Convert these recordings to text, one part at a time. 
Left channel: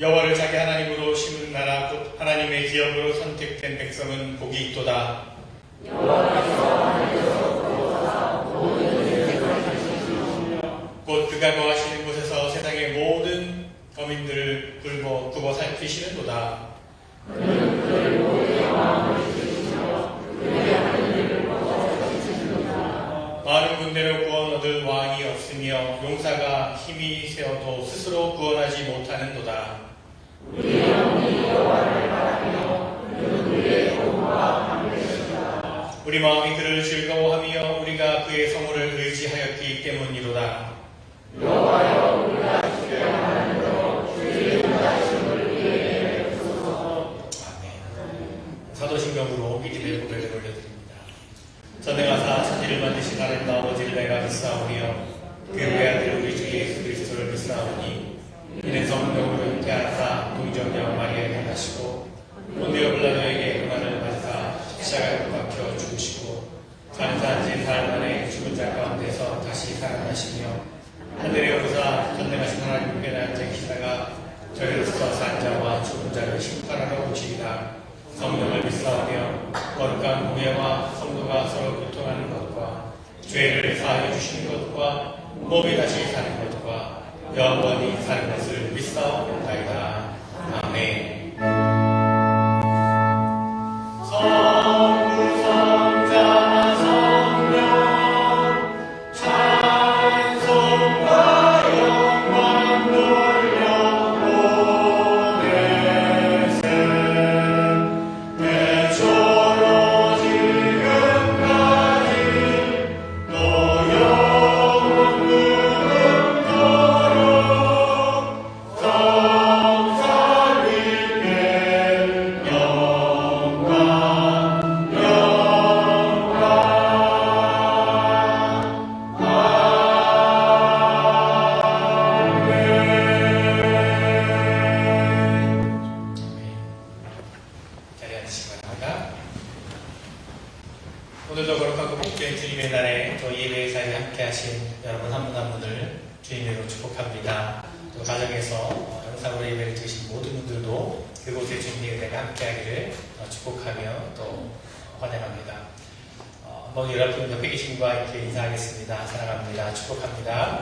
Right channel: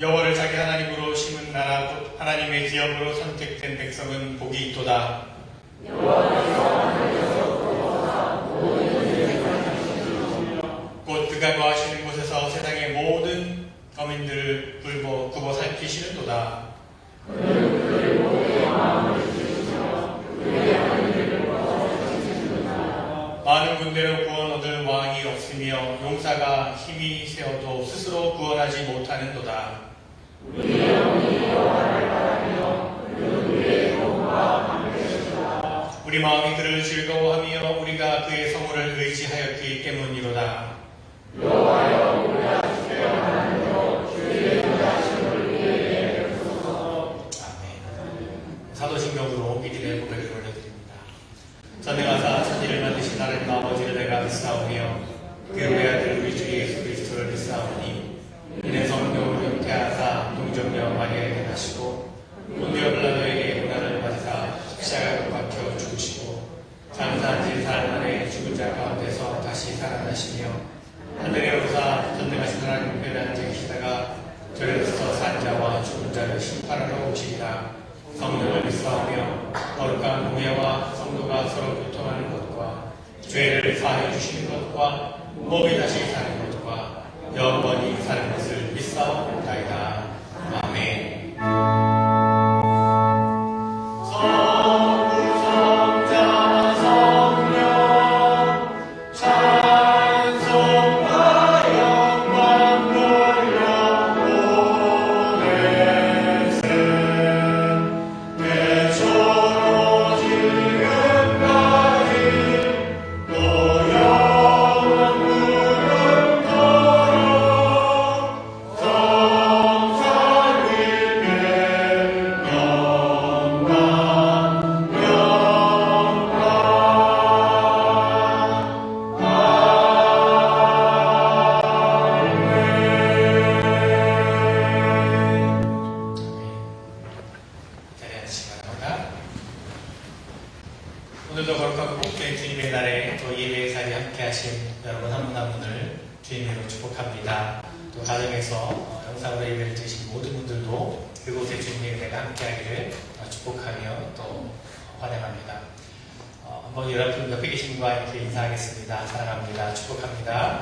여호와를 자기 하나님으로 심은 나라 곧 하나님의 지역으로 선택된 백성은 복이 있도다. 곧 그가 거하시는 곳에서 세상의 모든 거민들을 굽어 살피시는도다. 많은 군대로 구원 얻을 왕이 없으며 용사가 힘이 세어도 스스로 구원하지 못하는도다. 우리 마음이 그를 즐거워하며 우리가 그의 성문을 의지하였기 때문이로다. 사도신경으로 기도의 고백을 올려드립니다. 전능하사 천지를 만드신 하나님 아버지를 내가 믿사오며 그의 아들 우리 주 예수 그리스도를 믿사오니 이는 성령으로 잉태하사 동정녀 마리아에게 나시고 본디오 빌라도에게 고난을 받으사 십자가에 못 박혀 죽으시고 장사한 지 사흘 만에 죽은 자 가운데서 다시 살아나시며 하늘에 오르사 전능하신 하나님 앞에 앉으시다가 저리로서 산 자와 죽은 자를 심판하러 오시리라. 성령을 믿사오며 거룩한 공예와 성도가 서로 고통하는 것과 죄를 사하여 주시는 것과 몸이 다시 사는 것과 영원히 사는 것을 믿사옵나이다. 아멘. 오늘도 거룩하고 복된 주님의 날에 또 예배의 자리에 함께 하신 여러분 한 분 한 분을 주님으로 축복합니다. 또 가정에서 영상으로 예배를 드신 모든 분들도 그곳에 주님의 예배가 함께 하기를 축복하며 또 환영합니다. 한번 여러분 옆에 계신 분과 이렇게 인사하겠습니다. 사랑합니다. 축복합니다.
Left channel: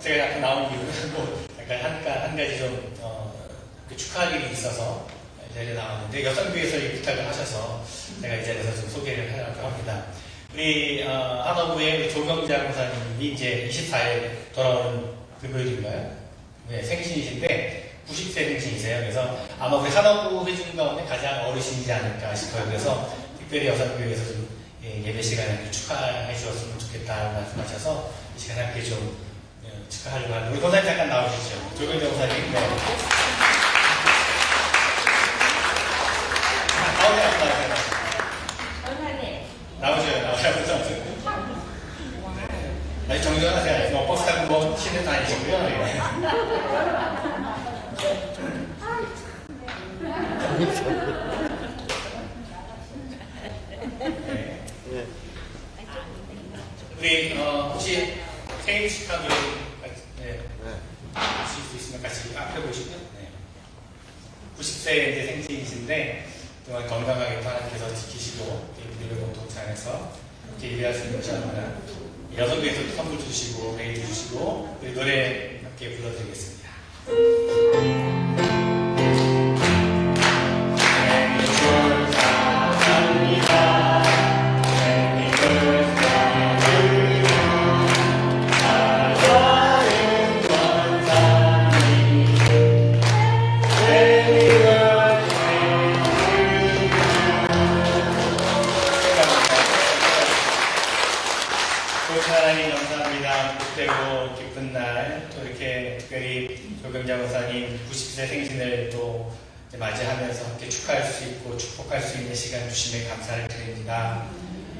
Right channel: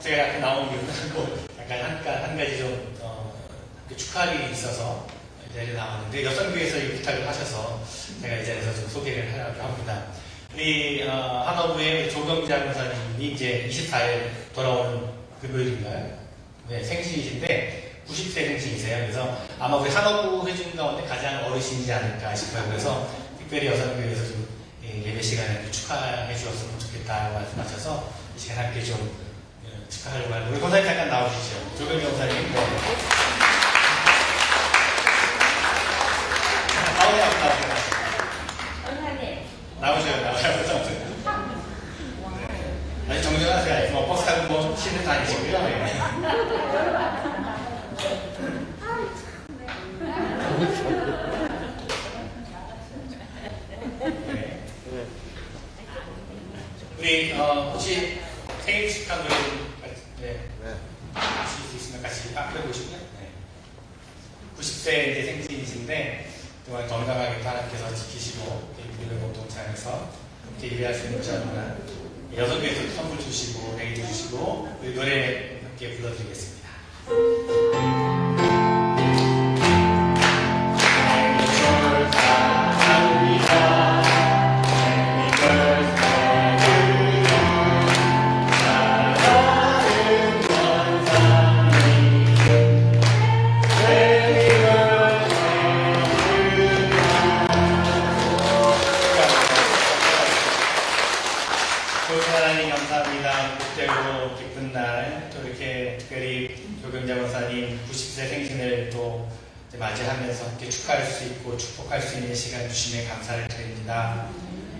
제가 약간 나온 이유는 한 가지 좀 축하할 일이 있어서 이 자리에 나왔는데 여성부에서 이 부탁을 하셔서 제가 이 자리에서 좀 소개를 하려고 합니다. 이 한화부의 조경자 목사님이 이제 24일 돌아온 금요일인가요? 네, 생신이신데 90세 생신이세요. 그래서 아마 우리 한화부 회중 가운데 가장 어르신이지 않을까 싶어요. 그래서 특별히 여성부에서 좀 예배 시간에 축하해 주었으면 좋겠다고 말씀하셔서 이 시간 함께 좀 축하하려고 하는데 우리 권사님 잠깐 나오시죠. 조경자 목사님. 나오세요. 아니 정리하세요. 뭐 버스 타고 뭐 시내 다니시고요. 네. 우리 혹시 생일 축하 노래 하실 수 있으면 같이 앞에 보시고 90세 이제 생신이신데 정말 건강하게 하나님께서 지키시고 우리를 공동체에서 함께 일할 수 있는 시간을 여성께서 선물 주시고 얘기도 주시고 우리 노래 함께 불러드리겠습니다. 하나님 감사합니다. 복되고 기쁜 날 또 이렇게 특별히 조경자 권사님 90세 생신을 또 맞이하면서 함께 축하할 수 있고 축복할 수 있는 시간 주시면 감사를 드립니다.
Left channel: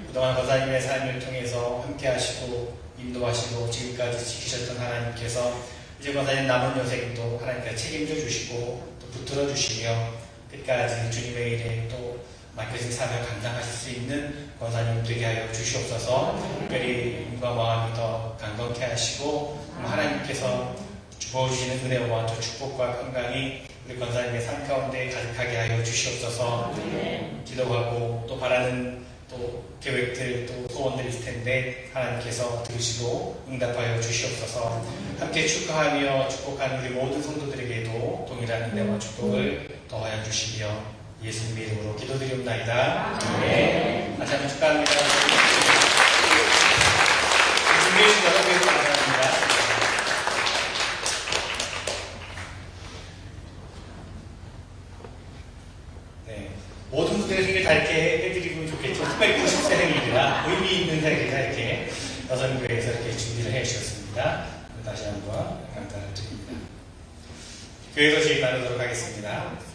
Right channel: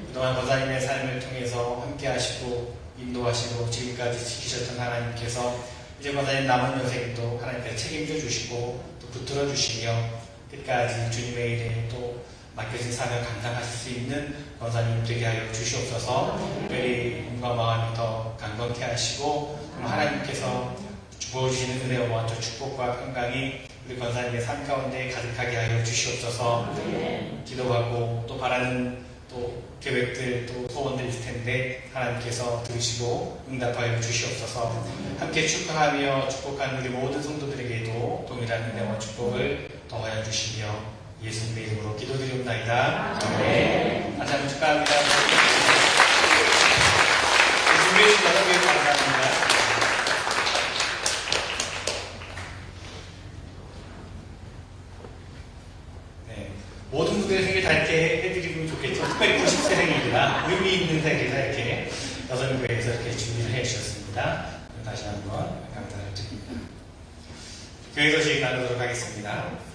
그동안 권사님의 삶을 통해서 함께 하시고 인도하시고 지금까지 지키셨던 하나님께서 이제 권사님 남은 여생도 하나님께서 책임져 주시고 또 붙들어 주시며 끝까지 주님의 일에 또 맡겨진 삶을 감당하실 수 있는 권사님 되게 하여 주시옵소서. 특별히 몸과 마음이 더 강건케 하시고 하나님께서 부어주시는 은혜와 또 축복과 건강이 우리 권사님의 삶 가운데 가득하게 하여 주시옵소서. 기도하고 또 바라는 또 계획들 또 소원들 있을 텐데 하나님께서 들으시고 응답하여 주시옵소서. 함께 축하하며 축복한 우리 모든 성도들에게도 동일한 은혜와 축복을 더하여 주시며 예수님의 이름으로 기도드립니다. 네. 다시 한번 축하합니다. 준비해주신 여러분께 감사합니다. 네. 모든 분들의 생일 다 이렇게 해드리면 좋겠죠. 특별히 90세 생일이라 의미 있는 생일이라 이렇게 여성부에서 이렇게 준비를 해주셨습니다. 다시 한번 감사를 드립니다. 교회에서 제일 나누도록 하겠습니다.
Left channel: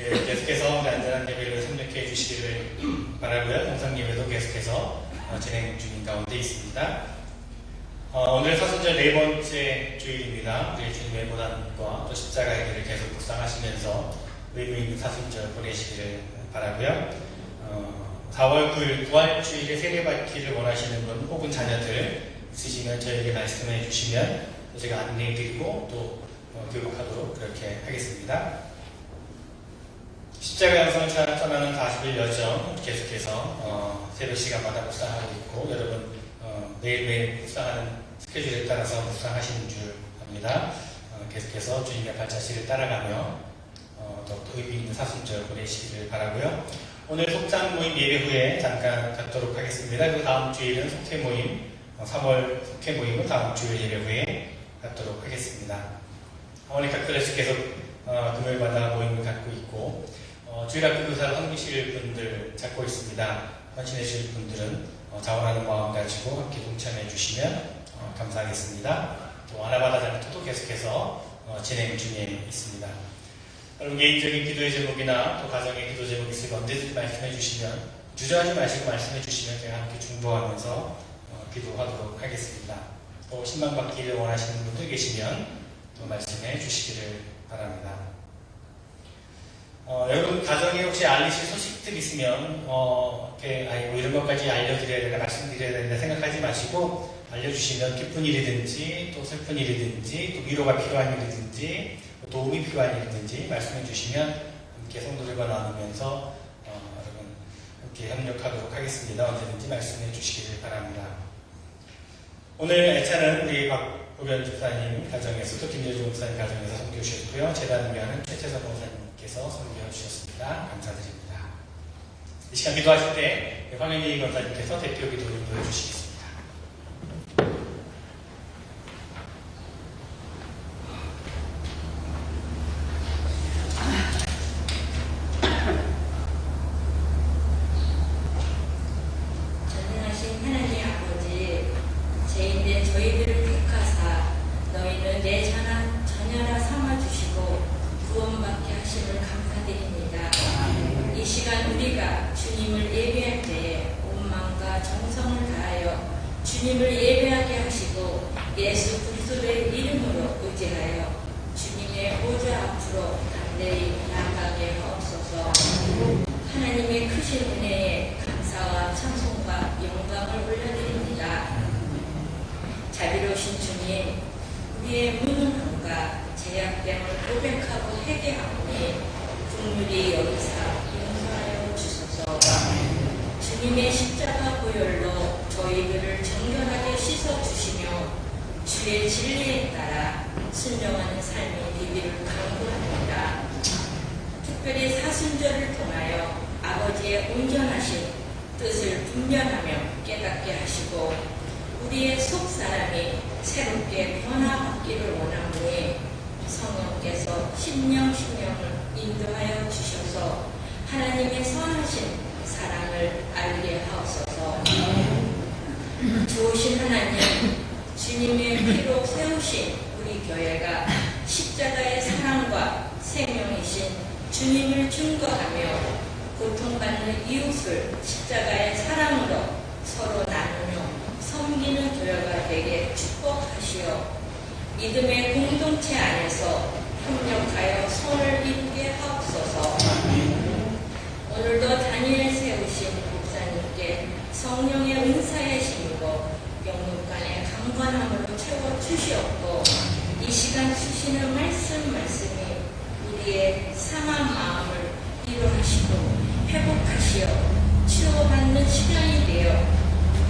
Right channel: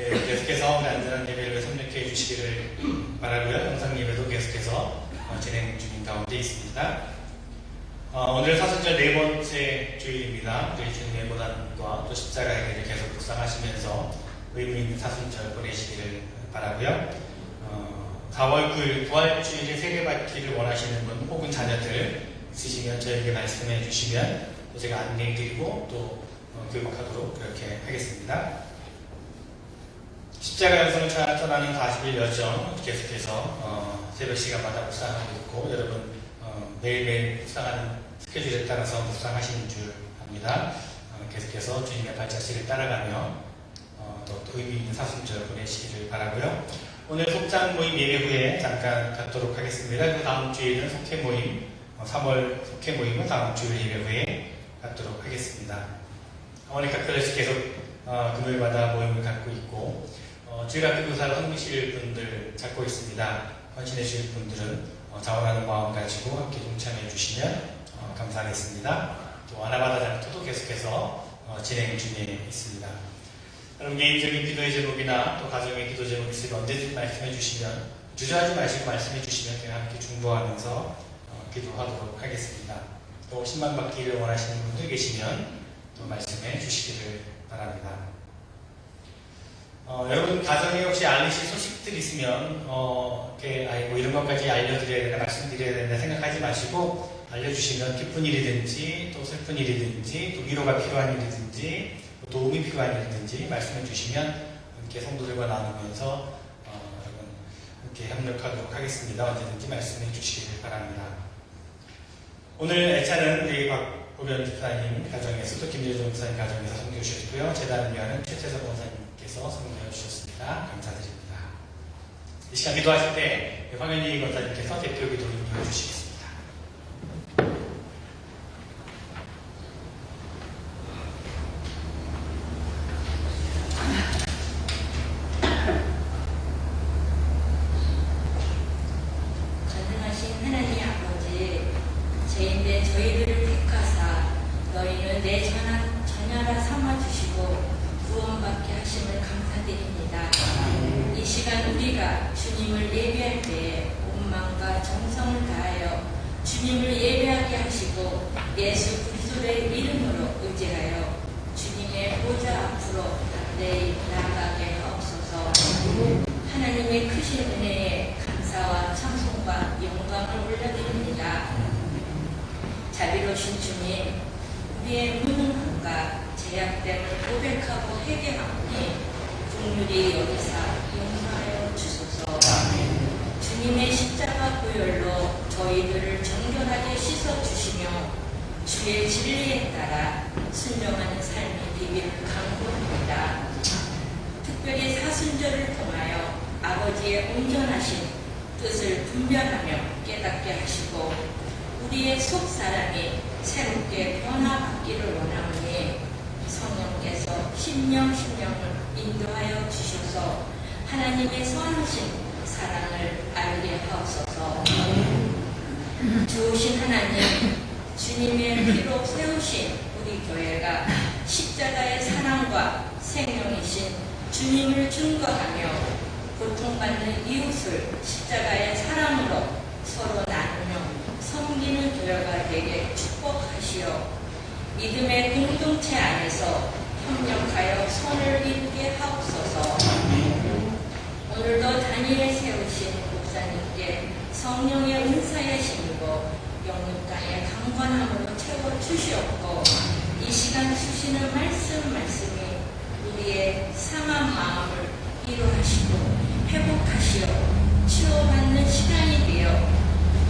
네, 계속해서 우리 안전한 예배를 협력해 주시기를 바라고요. 영상 예배도 계속해서 진행 중인 가운데 있습니다. 오늘 사순절 네 번째 주일입니다. 우리 주님의 고난과 또 십자가의 길을 계속 묵상하시면서 의미 있는 사순절 보내시기를 바라고요. 4월 9일 부활주일에 세례받기를 원하시는 분 혹은 자녀 있으면 저에게 말씀해 주시면 제가 안내해 드리고 또 교육하도록 그렇게 하겠습니다. 십자가 영성을 떠나는 40일 여정 계속해서 새벽 시간마다 묵상하고 있고 여러분 매일매일 묵상하는 스케줄에 따라서 묵상하시는 줄 압니다. 계속해서 주님의 발자취를 따라가며 더욱더 의미 있는 사순절 보내시기를 바라고요. 오늘 속장 모임 예배 후에 잠깐 갖도록 하겠습니다. 그 다음 주일은 속회 모임, 3월 속회 모임은 다음 주일 예배 후에 갖도록 하겠습니다. 어머니 카페에서 계속 금요일마다 모임을 갖고 있고 주일학교 교사를 섬기실 분들 찾고 있습니다. 헌신해 주실 분들은 자원하는 마음 가지고 함께 동참해 주시면 감사하겠습니다. 하나바다 장터도 계속해서 진행 중에 있습니다. 여러분 개인적인 기도의 제목이나 또 가정의 기도 제목 있으면 언제든지 말씀해 주시면 주저하지 마시고 말씀해 주시면 저희가 함께 중보하면서 기도하도록 하겠습니다. 또 신방 받기를 원하시는 분들 계시면 또 말씀해 주시기를 바랍니다. 여러분 가정에 혹시 알리실 소식들 있으면 이렇게 이런 것까지 알려드려야 되나 말씀드려야 되나 생각하지 마시고 알려주시면 기쁜 일이든지 또 슬픈 일이든지 또 위로가 필요한 일이든지 도움이 필요한 일이든지 말씀해 주시면 함께 성도들과 나누면서 여러분 함께 협력하도록 하겠습니다. 언제든지 말씀해 주시기를 바랍니다. 오늘 애차는 우리 박보련 집사님 가정에서 또 김재준 목사님 가정에서 섬겨 주셨고요. 재단을 위하는 최재선 목사님께서 섬겨 주셨습니다. 감사드립니다. 이 시간 기도하실 때 황현희 권사님께서 대표 기도를 보여주시겠습니다. 전능하신 하나님 아버지, 죄인된 저희들을 택하사 너희는 내 자녀라 삼아주시고 구원받게 하심을 감사드립니다. 이 시간 우리가 주님을 예배할 때에 온 마음과 정성을 다하여 주님을 예배하게 하시고 예수 그리스도의 이름으로 의지하여 주님의 보좌 앞으로 내일 나아가게 하옵소서. 하나님의 크신 은혜에 감사와 찬송과 영광을 올려드립니다. 자비로우신 주님, 우리의 무능함과 제약됨을 고백하고 회개하오니 긍휼히 여기사 용서하여 주소서. 주님의 십자가 보혈로 저희들을 정결하게 씻어주시며 주의 진리에 따라 순종하는 삶이 되기를 간구합니다. 특별히 사순절을 통하여 아버지의 온전하신 뜻을 분별하며 깨닫게 하시고 우리의 속사람이 새롭게 변화받기를 원하오니 성령께서 신령을 인도하여 주셔서 하나님의 선하신 사랑을 알게 하옵소서. 주오신 하나님, 주님의 피로 세우신 우리 교회가 십자가의 사랑과 생명이신 주님을 증거하며 고통받는 이웃을 십자가의 사랑으로 서로 나누며 섬기는 교회가 되게 축복하시어 믿음의 공동체 안에서 협력하여 선을 이루게 하옵소서. 오늘도 다니엘 세우신 목사님께 성령의 은사에 힘입어 영육간의 강건함으로 채워주시옵고 이 시간 주시는 말씀이 우리의 상한 마음을 위로하시고 회복하시어 치유받는 시간이 되어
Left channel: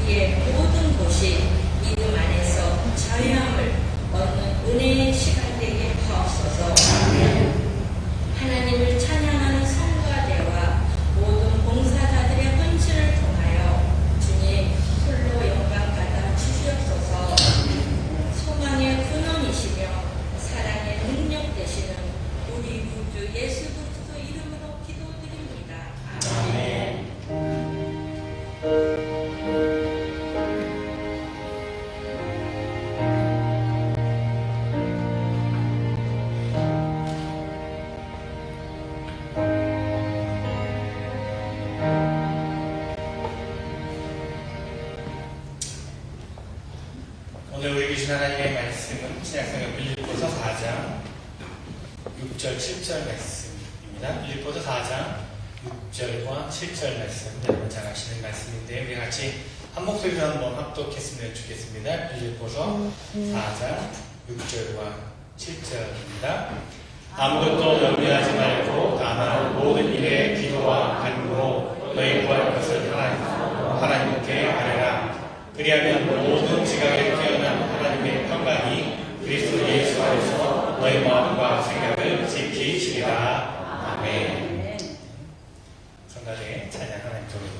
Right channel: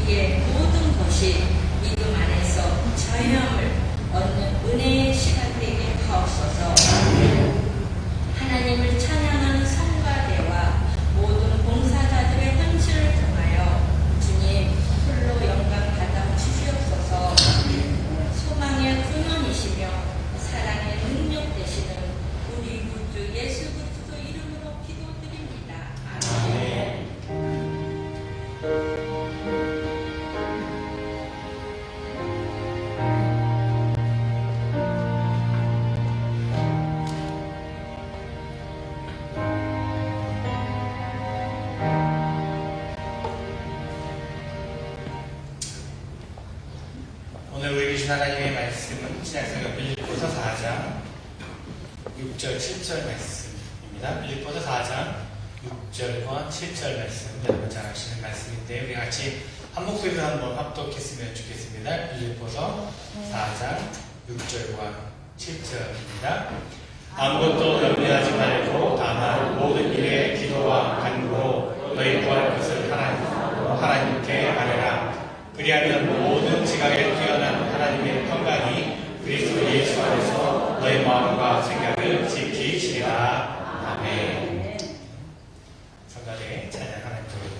우리의 모든 곳이 믿음 안에서 자유함을 얻는 은혜의 시간 되게 하옵소서. 하나님을 찬양하는 성가대와 모든 봉사자들의 헌신을 통하여 주님 홀로 영광 받아 주시옵소서. 소망의 근원이시며 사랑의 능력 되시는 우리 구주 예수 그리스도 이름으로 기도드립니다. 아멘. 오늘 우리 주신 하나님의 말씀은 신약성경 빌립보서 4장 6절 7절 말씀입니다. 빌립보서 4장 6절과 7절 말씀 여러분 잘 아시는 말씀인데 우리 같이 한 목소리로 한번 합독했으면 좋겠습니다. 빌립보서 4장 6절과 7절입니다. 아무것도 염려하지 말고 다만 모든 일에 기도와 간구로 너희 구할 것을 하나님께 아뢰라. 그리하면 모든 지각에 뛰어난 하나님의 평강이 그리스도 예수 안에서 너희 마음과 생각을 지키시리라. 아멘. 성가대 찬양 하나님 드립니다.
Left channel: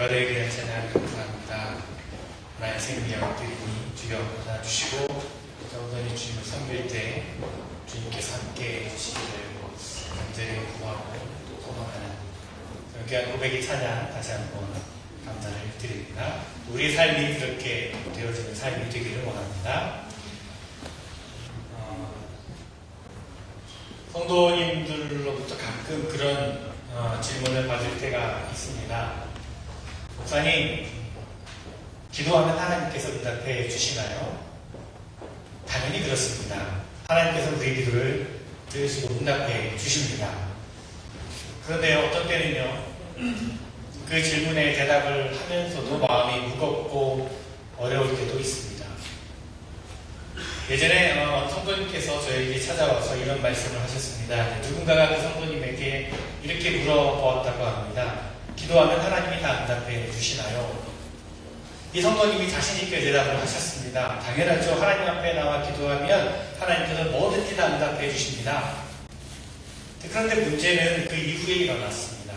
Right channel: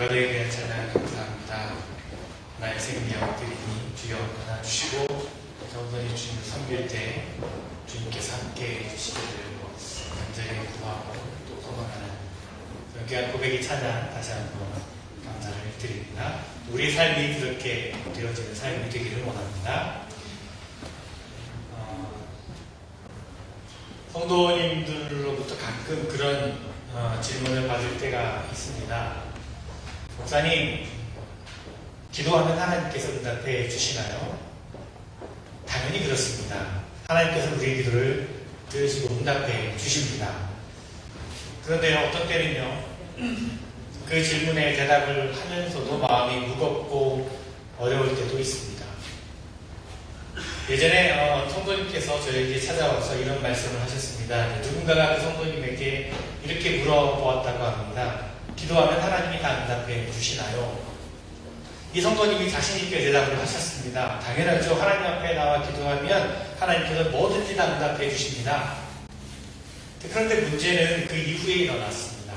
너희를 위한 찬양 감사합니다. 나의 생명 드리니 주여 받아주시고 더더니 주님을 섬길 때 주님께서 함께 해주시기를 간절히 구하고 또 소망하는 귀한 고백의 찬양 다시 한번 감사를 드립니다. 우리 삶이 그렇게 되어지는 삶이 되기를 원합니다. 성도님들로부터 가끔 그런 질문을 받을 때가 있습니다. 목사님, 기도하면 하나님께서 응답해 주시나요? 당연히 그렇습니다. 하나님께서 우리의 기도를 들으시고 응답해 주십니다. 그런데 어떤 때는요, 그 질문에 대답을 하면서도 마음이 무겁고 어려울 때도 있습니다. 예전에 성도님께서 저에게 찾아와서 이런 말씀을 하셨습니다. 누군가가 그 성도님에게 이렇게 물어보았다고 합니다. 기도하면 하나님이 다 응답해 주시나요? 이 성도님이 자신있게 대답을 하셨습니다. 당연하죠. 하나님 앞에 나와 기도하면 하나님께서 뭐든지 다 응답해 주십니다. 그런데 문제는 그 이후에 일어났습니다.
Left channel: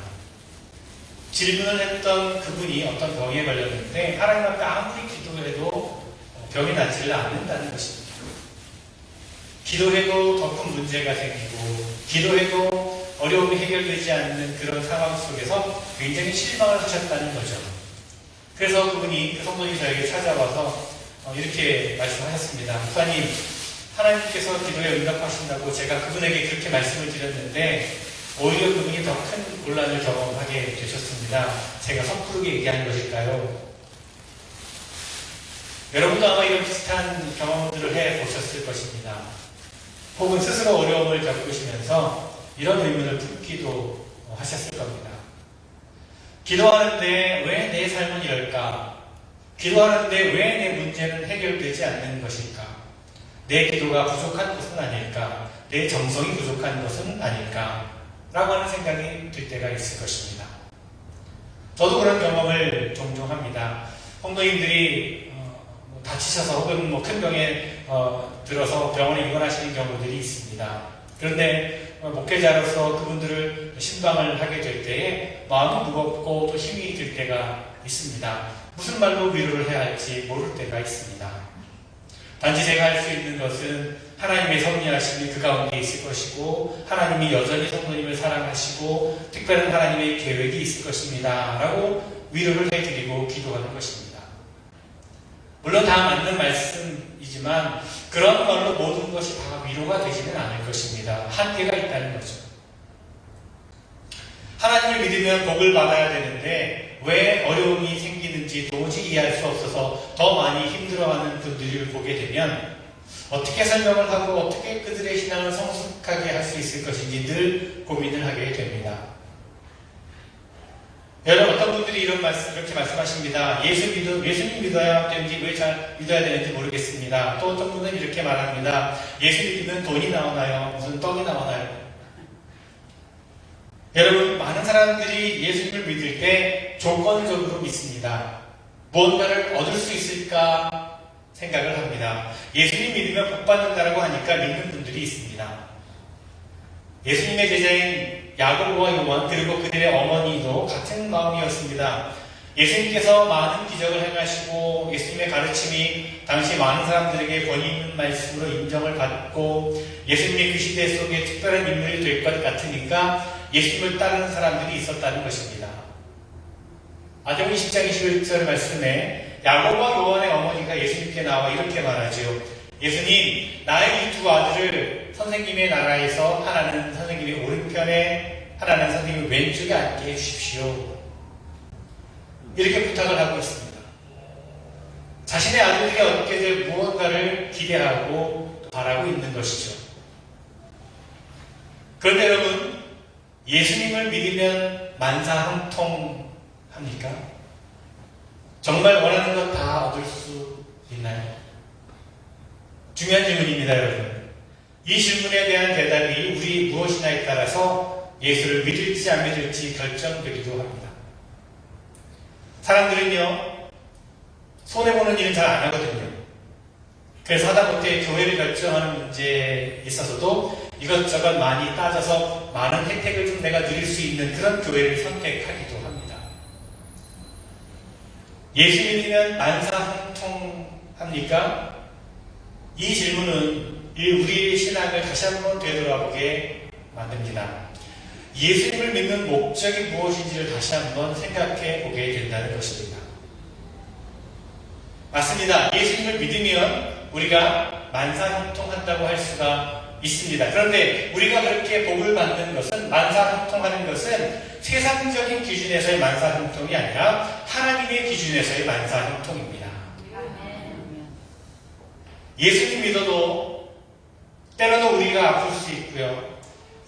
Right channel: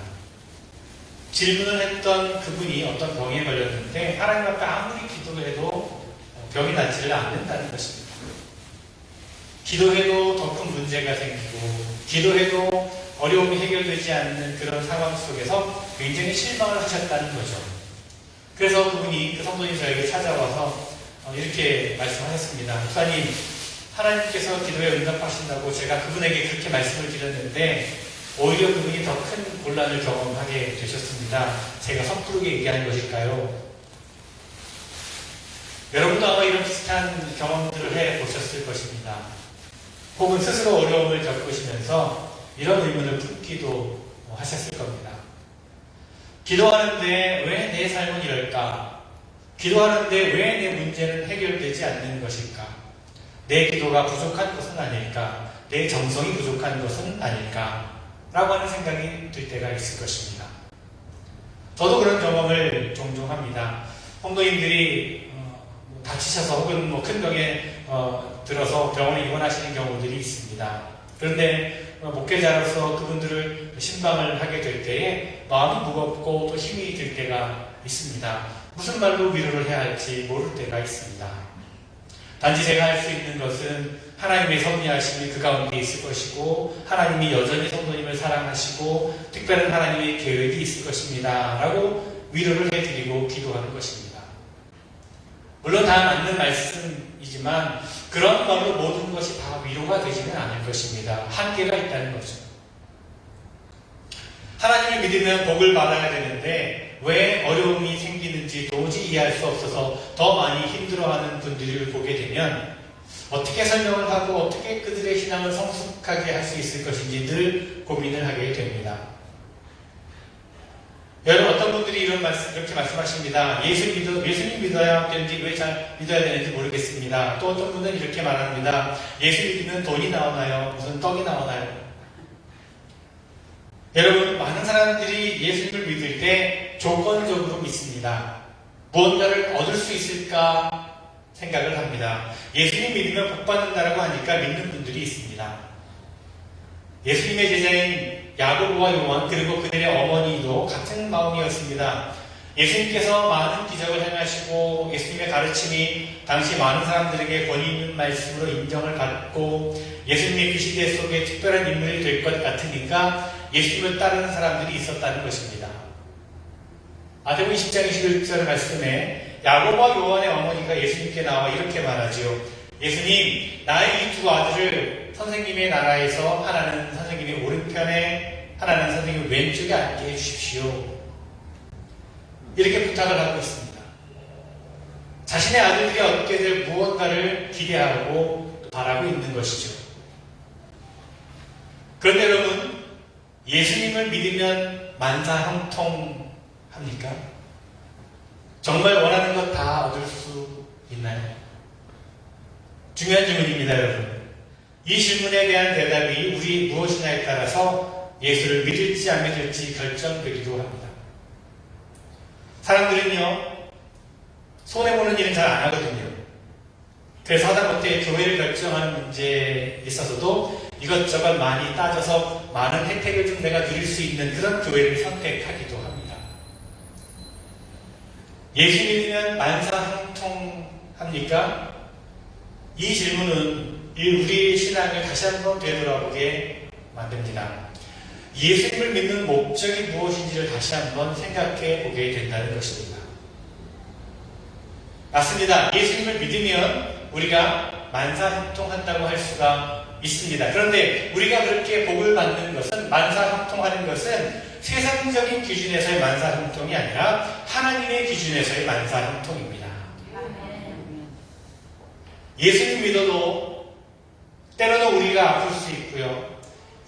질문을 했던 그분이 어떤 병에 걸렸는데 하나님 앞에 아무리 기도해도 병이 낫지를 않는다는 것입니다. 기도해도 더 큰 문제가 생기고 기도해도 어려움이 해결되지 않는 그런 상황 속에서 굉장히 실망을 하셨다는 거죠. 그래서 그분이, 그 성도님이 저에게 찾아와서 이렇게 말씀하셨습니다. 목사님, 하나님께서 기도에 응답하신다고 제가 그분에게 그렇게 말씀을 드렸는데 오히려 그분이 더 큰 곤란을 경험하게 되셨습니다. 제가 섣부르게 얘기하는 것일까요? 여러분도 아마 이런 비슷한 경험들을 해보셨을 것입니다. 혹은 스스로 어려움을 겪으시면서 이런 의문을 품기도 하셨을 겁니다. 기도하는데 왜 내 삶은 이럴까? 기도하는데 왜 내 문제는 해결되지 않는 것일까? 내 기도가 부족한 것은 아닐까? 내 정성이 부족한 것은 아닐까? 라고 하는 생각이 들 때가 있을 것입니다. 저도 그런 경험을 종종 합니다. 성도님들이 다치셔서 혹은 큰 병에 들어서 병원에 입원하시는 경우들이 있습니다. 그런데 목회자로서 그분들을 신방을 하게 될 때에 마음이 무겁고 또 힘이 들 때가 있습니다. 무슨 말로 위로를 해야 할지 모를 때가 있습니다. 단지 제가 할 수 있는 것은 하나님의 섭리하심이 그 가운데 있을 것이고 하나님이 여전히 성도님을 사랑하시고 특별한 하나님의 계획이 있을 것입니다. 라고 위로를 해드리고 기도하는 것입니다. 물론 다 맞는 말씀이지만 그런 말로 모든 것이 다 위로가 되지는 않을 것입니다. 한계가 있다는 거죠. 하나님을 믿으면 복을 받아야 되는데 왜 어려움이 생기는지 도저히 이해할 수 없어서 더 많이 힘들어하는 분들을 보게 되면 어떻게 설명을 하고 어떻게 그들의 신앙을 성숙하게 할 수 있을 것인지 늘 고민을 하게 됩니다. 여러분, 어떤 분들이 이렇게 말씀하십니다. 예수님 믿어야 되는지 왜 잘 믿어야 되는지 모르겠습니다. 또 어떤 분은 이렇게 말합니다. 예수 믿으면 돈이 나오나요? 무슨 떡이 나오나요? 여러분, 많은 사람들이 예수님을 믿을 때 조건적으로 믿습니다. 무언가를 얻을 수 있을까 생각을 합니다. 예수님 믿으면 복 받는다라고 하니까 믿는 분들이 있습니다. 예수님의 제자인 야고보와 요한 그리고 그들의 어머니도 같은 마음이었습니다. 예수님께서 많은 기적을 행하시고 예수님의 가르침이 당시 많은 사람들에게 권위 있는 말씀으로 인정을 받고 예수님의 그 시대 속에 특별한 인물이 될 것 같으니까 예수님을 따르는 사람들이 있었다는 것입니다. 마태복음 10장 21절 말씀에 야고보와 요한의 어머니가 예수님께 나와 이렇게 말하지요. 예수님, 나의 이 두 아들을 선생님의 나라에서 하나는 선생님의 오른편에 하나는 선생님의 왼쪽에 앉게 해주십시오. 이렇게 부탁을 하고 있습니다. 자신의 아들들이 얻게 될 무언가를 기대하고 바라고 있는 것이죠. 그런데 여러분, 예수님을 믿으면 만사형통합니까? 정말 원하는 것 다 얻을 수 있나요? 중요한 질문입니다, 여러분. 이 질문에 대한 대답이 우리 무엇이냐에 따라서 예수를 믿을지 안 믿을지 결정되기도 합니다. 사람들은요, 손해보는 일은 잘 안 하거든요. 그래서 하다못해 교회를 결정하는 문제에 있어서도 이것저것 많이 따져서 많은 혜택을 좀 내가 누릴 수 있는 그런 교회를 선택하기도 합니다. 예수 믿으면 만사형통합니까? 이 질문은 우리의 신앙을 다시 한번 되돌아보게 만듭니다. 예수님을 믿는 목적이 무엇인지를 다시 한번 생각해 보게 된다는 것입니다. 맞습니다. 예수님을 믿으면 우리가 만사형통한다고 할 수가 있습니다. 그런데 우리가 그렇게 복을 받는 것은, 만사형통하는 것은 세상적인 기준에서의 만사형통이 아니라 하나님의 기준에서의 만사형통입니다. 예수님 믿어도 때로는 우리가 아플 수 있고요.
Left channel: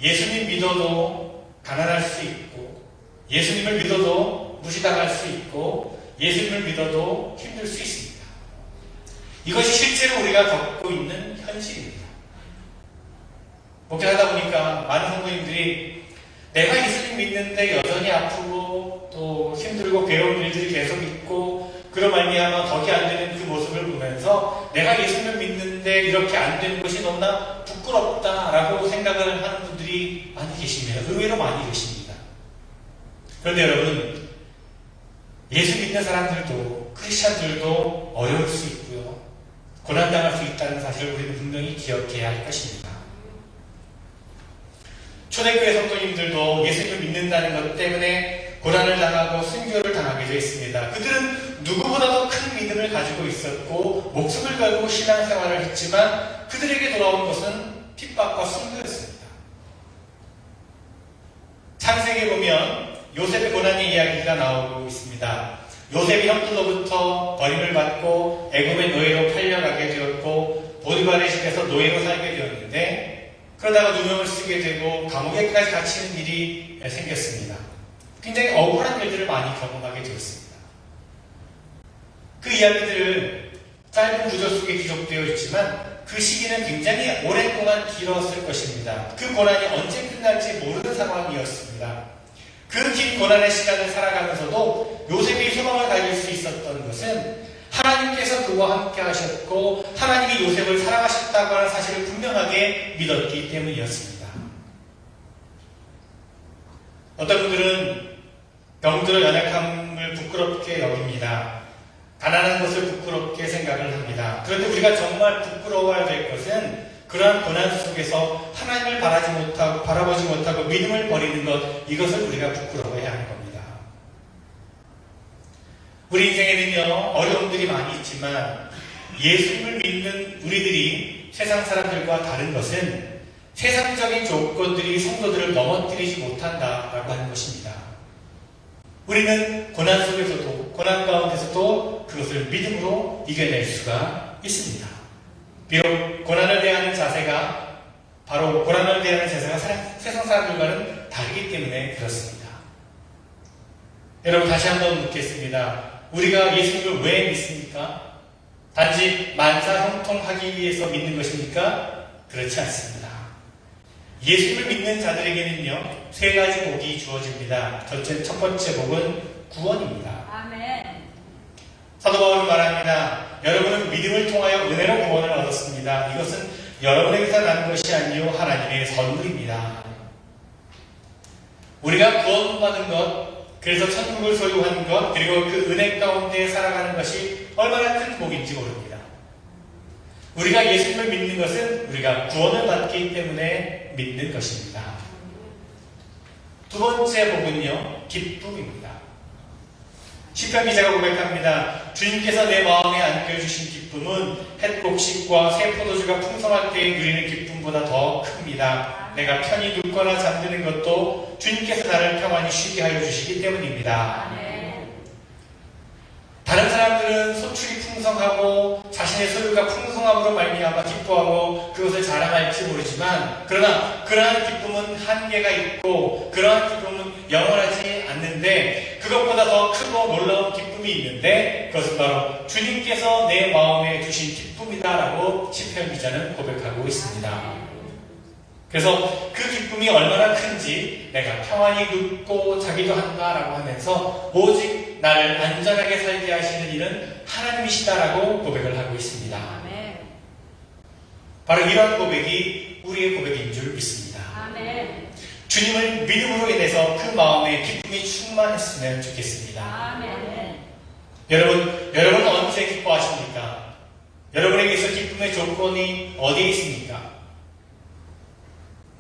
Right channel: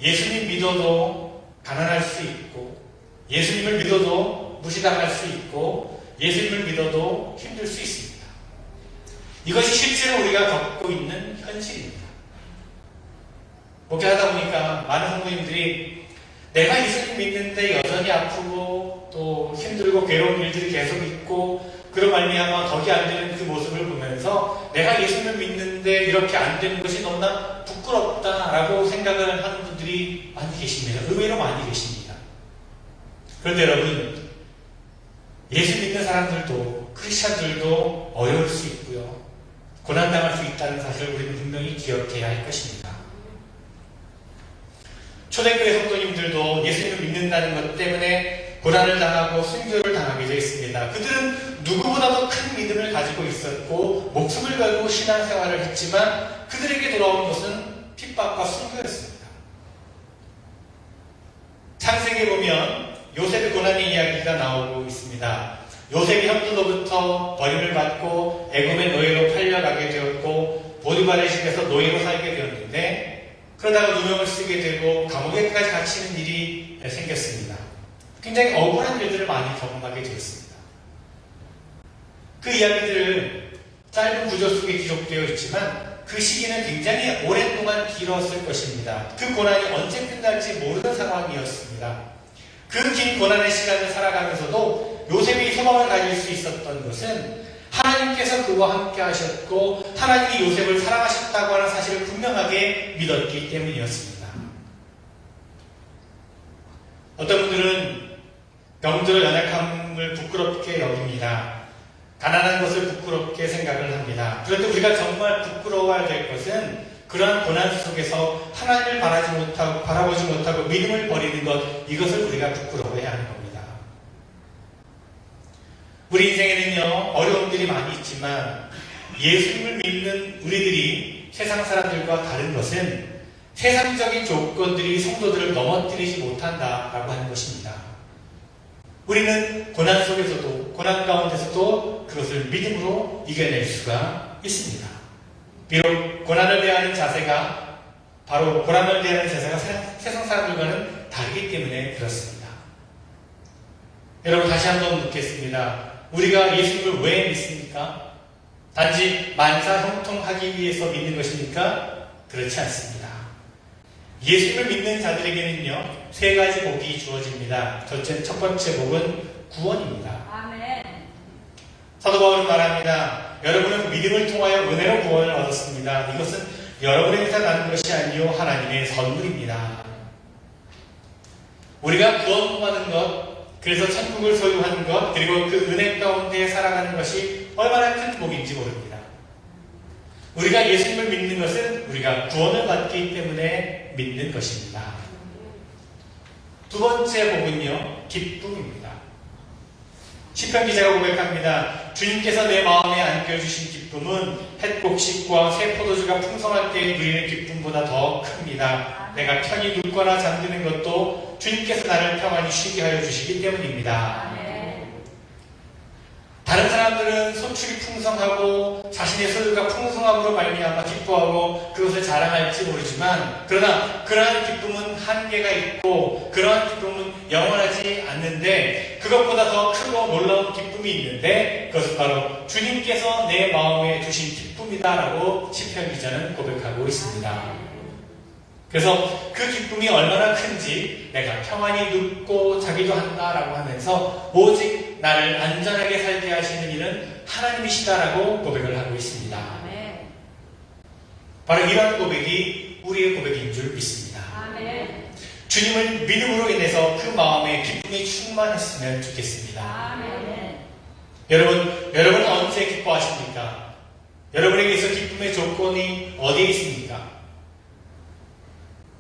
예수님 믿어도 가난할 수 있고, 예수님을 믿어도 무시당할 수 있고, 예수님을 믿어도 힘들 수 있습니다. 이것이 실제로 우리가 겪고 있는 현실입니다. 목회하다 보니까 많은 성도님들이 내가 예수님 믿는데 여전히 아프고 또 힘들고 괴로운 일들이 계속 있고 그런 말미암아 덕이 안 되는 그 모습을 보면서 내가 예수님을 믿는데 이렇게 안 되는 것이 너무나 부끄럽다라고 생각을 하는 분들이 많이 계십니다. 의외로 많이 계십니다. 그런데 여러분, 예수 믿는 사람들도 크리스찬들도 어려울 수 있고요. 고난당할 수 있다는 사실을 우리는 분명히 기억해야 할 것입니다. 초대교회 성도님들도 예수님을 믿는다는 것 때문에 고난을 당하고 순교를 당하게 되어 있습니다. 그들은 누구보다도 큰 믿음을 가지고 있었고 목숨을 걸고 신앙생활을 했지만 그들에게 돌아온 것은 핍박과 순교였습니다. 창세기에 보면 요셉의 고난의 이야기가 나오고 있습니다. 요셉이 형들로부터 버림을 받고 애굽의 노예로 팔려가게 되었고 보디발의 집에서 노예로 살게 되었는데 그러다가 누명을 쓰게 되고 감옥에까지 갇히는 일이 생겼습니다. 굉장히 억울한 일들을 많이 경험하게 되었습니다. 그 이야기들을 짧은 구절 속에 기록되어 있지만 그 시기는 굉장히 오랫동안 길었을 것입니다. 그 고난이 언제 끝날지 모르는 상황이었습니다. 그 긴 고난의 시간을 살아가면서도 요셉이 소망을 가질 수 있었던 것은 하나님께서 그와 함께 하셨고 하나님이 요셉을 사랑하셨다고 하는 사실을 분명하게 믿었기 때문이었습니다. 어떤 분들은 병들어 연약함을 부끄럽게 여깁니다. 가난한 것을 부끄럽게 생각을 합니다. 그런데 우리가 정말 부끄러워야 될 것은 그러한 고난 속에서 하나님을 바라보지 못하고 믿음을 버리는 것, 이것을 우리가 부끄러워해야 하는 겁니다. 우리 인생에는요, 어려움들이 많이 있지만 예수를 믿는 우리들이 세상 사람들과 다른 것은 세상적인 조건들이 성도들을 넘어뜨리지 못한다라고 하는 것입니다. 우리는 고난 속에서도, 고난 가운데서도 그것을 믿음으로 이겨낼 수가 있습니다. 비록 고난을 대하는 자세가, 바로 고난을 대하는 자세가 세상 사람들과는 다르기 때문에 그렇습니다. 여러분, 다시 한번 묻겠습니다. 우리가 예수를 왜 믿습니까? 단지 만사형통하기 위해서 믿는 것입니까? 그렇지 않습니다. 예수를 믿는 자들에게는요, 세 가지 복이 주어집니다. 첫 번째 복은 구원입니다. 아멘. 사도 바울은 말합니다. 여러분은 믿음을 통하여 은혜로 구원을 얻었습니다. 이것은 여러분에게서 난 것이 아니요 하나님의 선물입니다. 우리가 구원받는 것, 그래서 천국을 소유하는 것, 그리고 그 은혜 가운데 살아가는 것이 얼마나 큰 복인지 모릅니다. 우리가 예수님을 믿는 것은 우리가 구원을 받기 때문에 믿는 것입니다. 두 번째 복은요, 기쁨입니다. 시편 기자가 고백합니다. 주님께서 내 마음에 안겨주신 기쁨은 햇곡식과 새 포도주가 풍성할 때에 누리는 기쁨보다 더 큽니다. 내가 편히 눕거나 잠드는 것도 주님께서 나를 평안히 쉬게 하여 주시기 때문입니다. 다른 사람들은 소출이 풍성하고 자신의 소유가 풍성함으로 말미암아 기뻐하고 그것을 자랑할지 모르지만, 그러나 그러한 기쁨은 한계가 있고 그러한 기쁨은 영원하지 않는데 그것보다 더 크고 놀라운 기쁨이 있는데 그것은 바로 주님께서 내 마음에 주신 기쁨이다라고 시편 기자는 고백하고 있습니다. 그래서 그 기쁨이 얼마나 큰지 내가 평안히 눕고 자기도 한다라고 하면서 오직 나를 안전하게 살게 하시는 이는 하나님이시다라고 고백을 하고 있습니다. 바로 이런 고백이 우리의 고백인 줄 믿습니다. 주님을 믿음으로 인해서 그 마음에 기쁨이 충만했으면 좋겠습니다. 여러분 언제 기뻐하십니까? 여러분에게 있어 기쁨의 조건이 어디에 있습니까?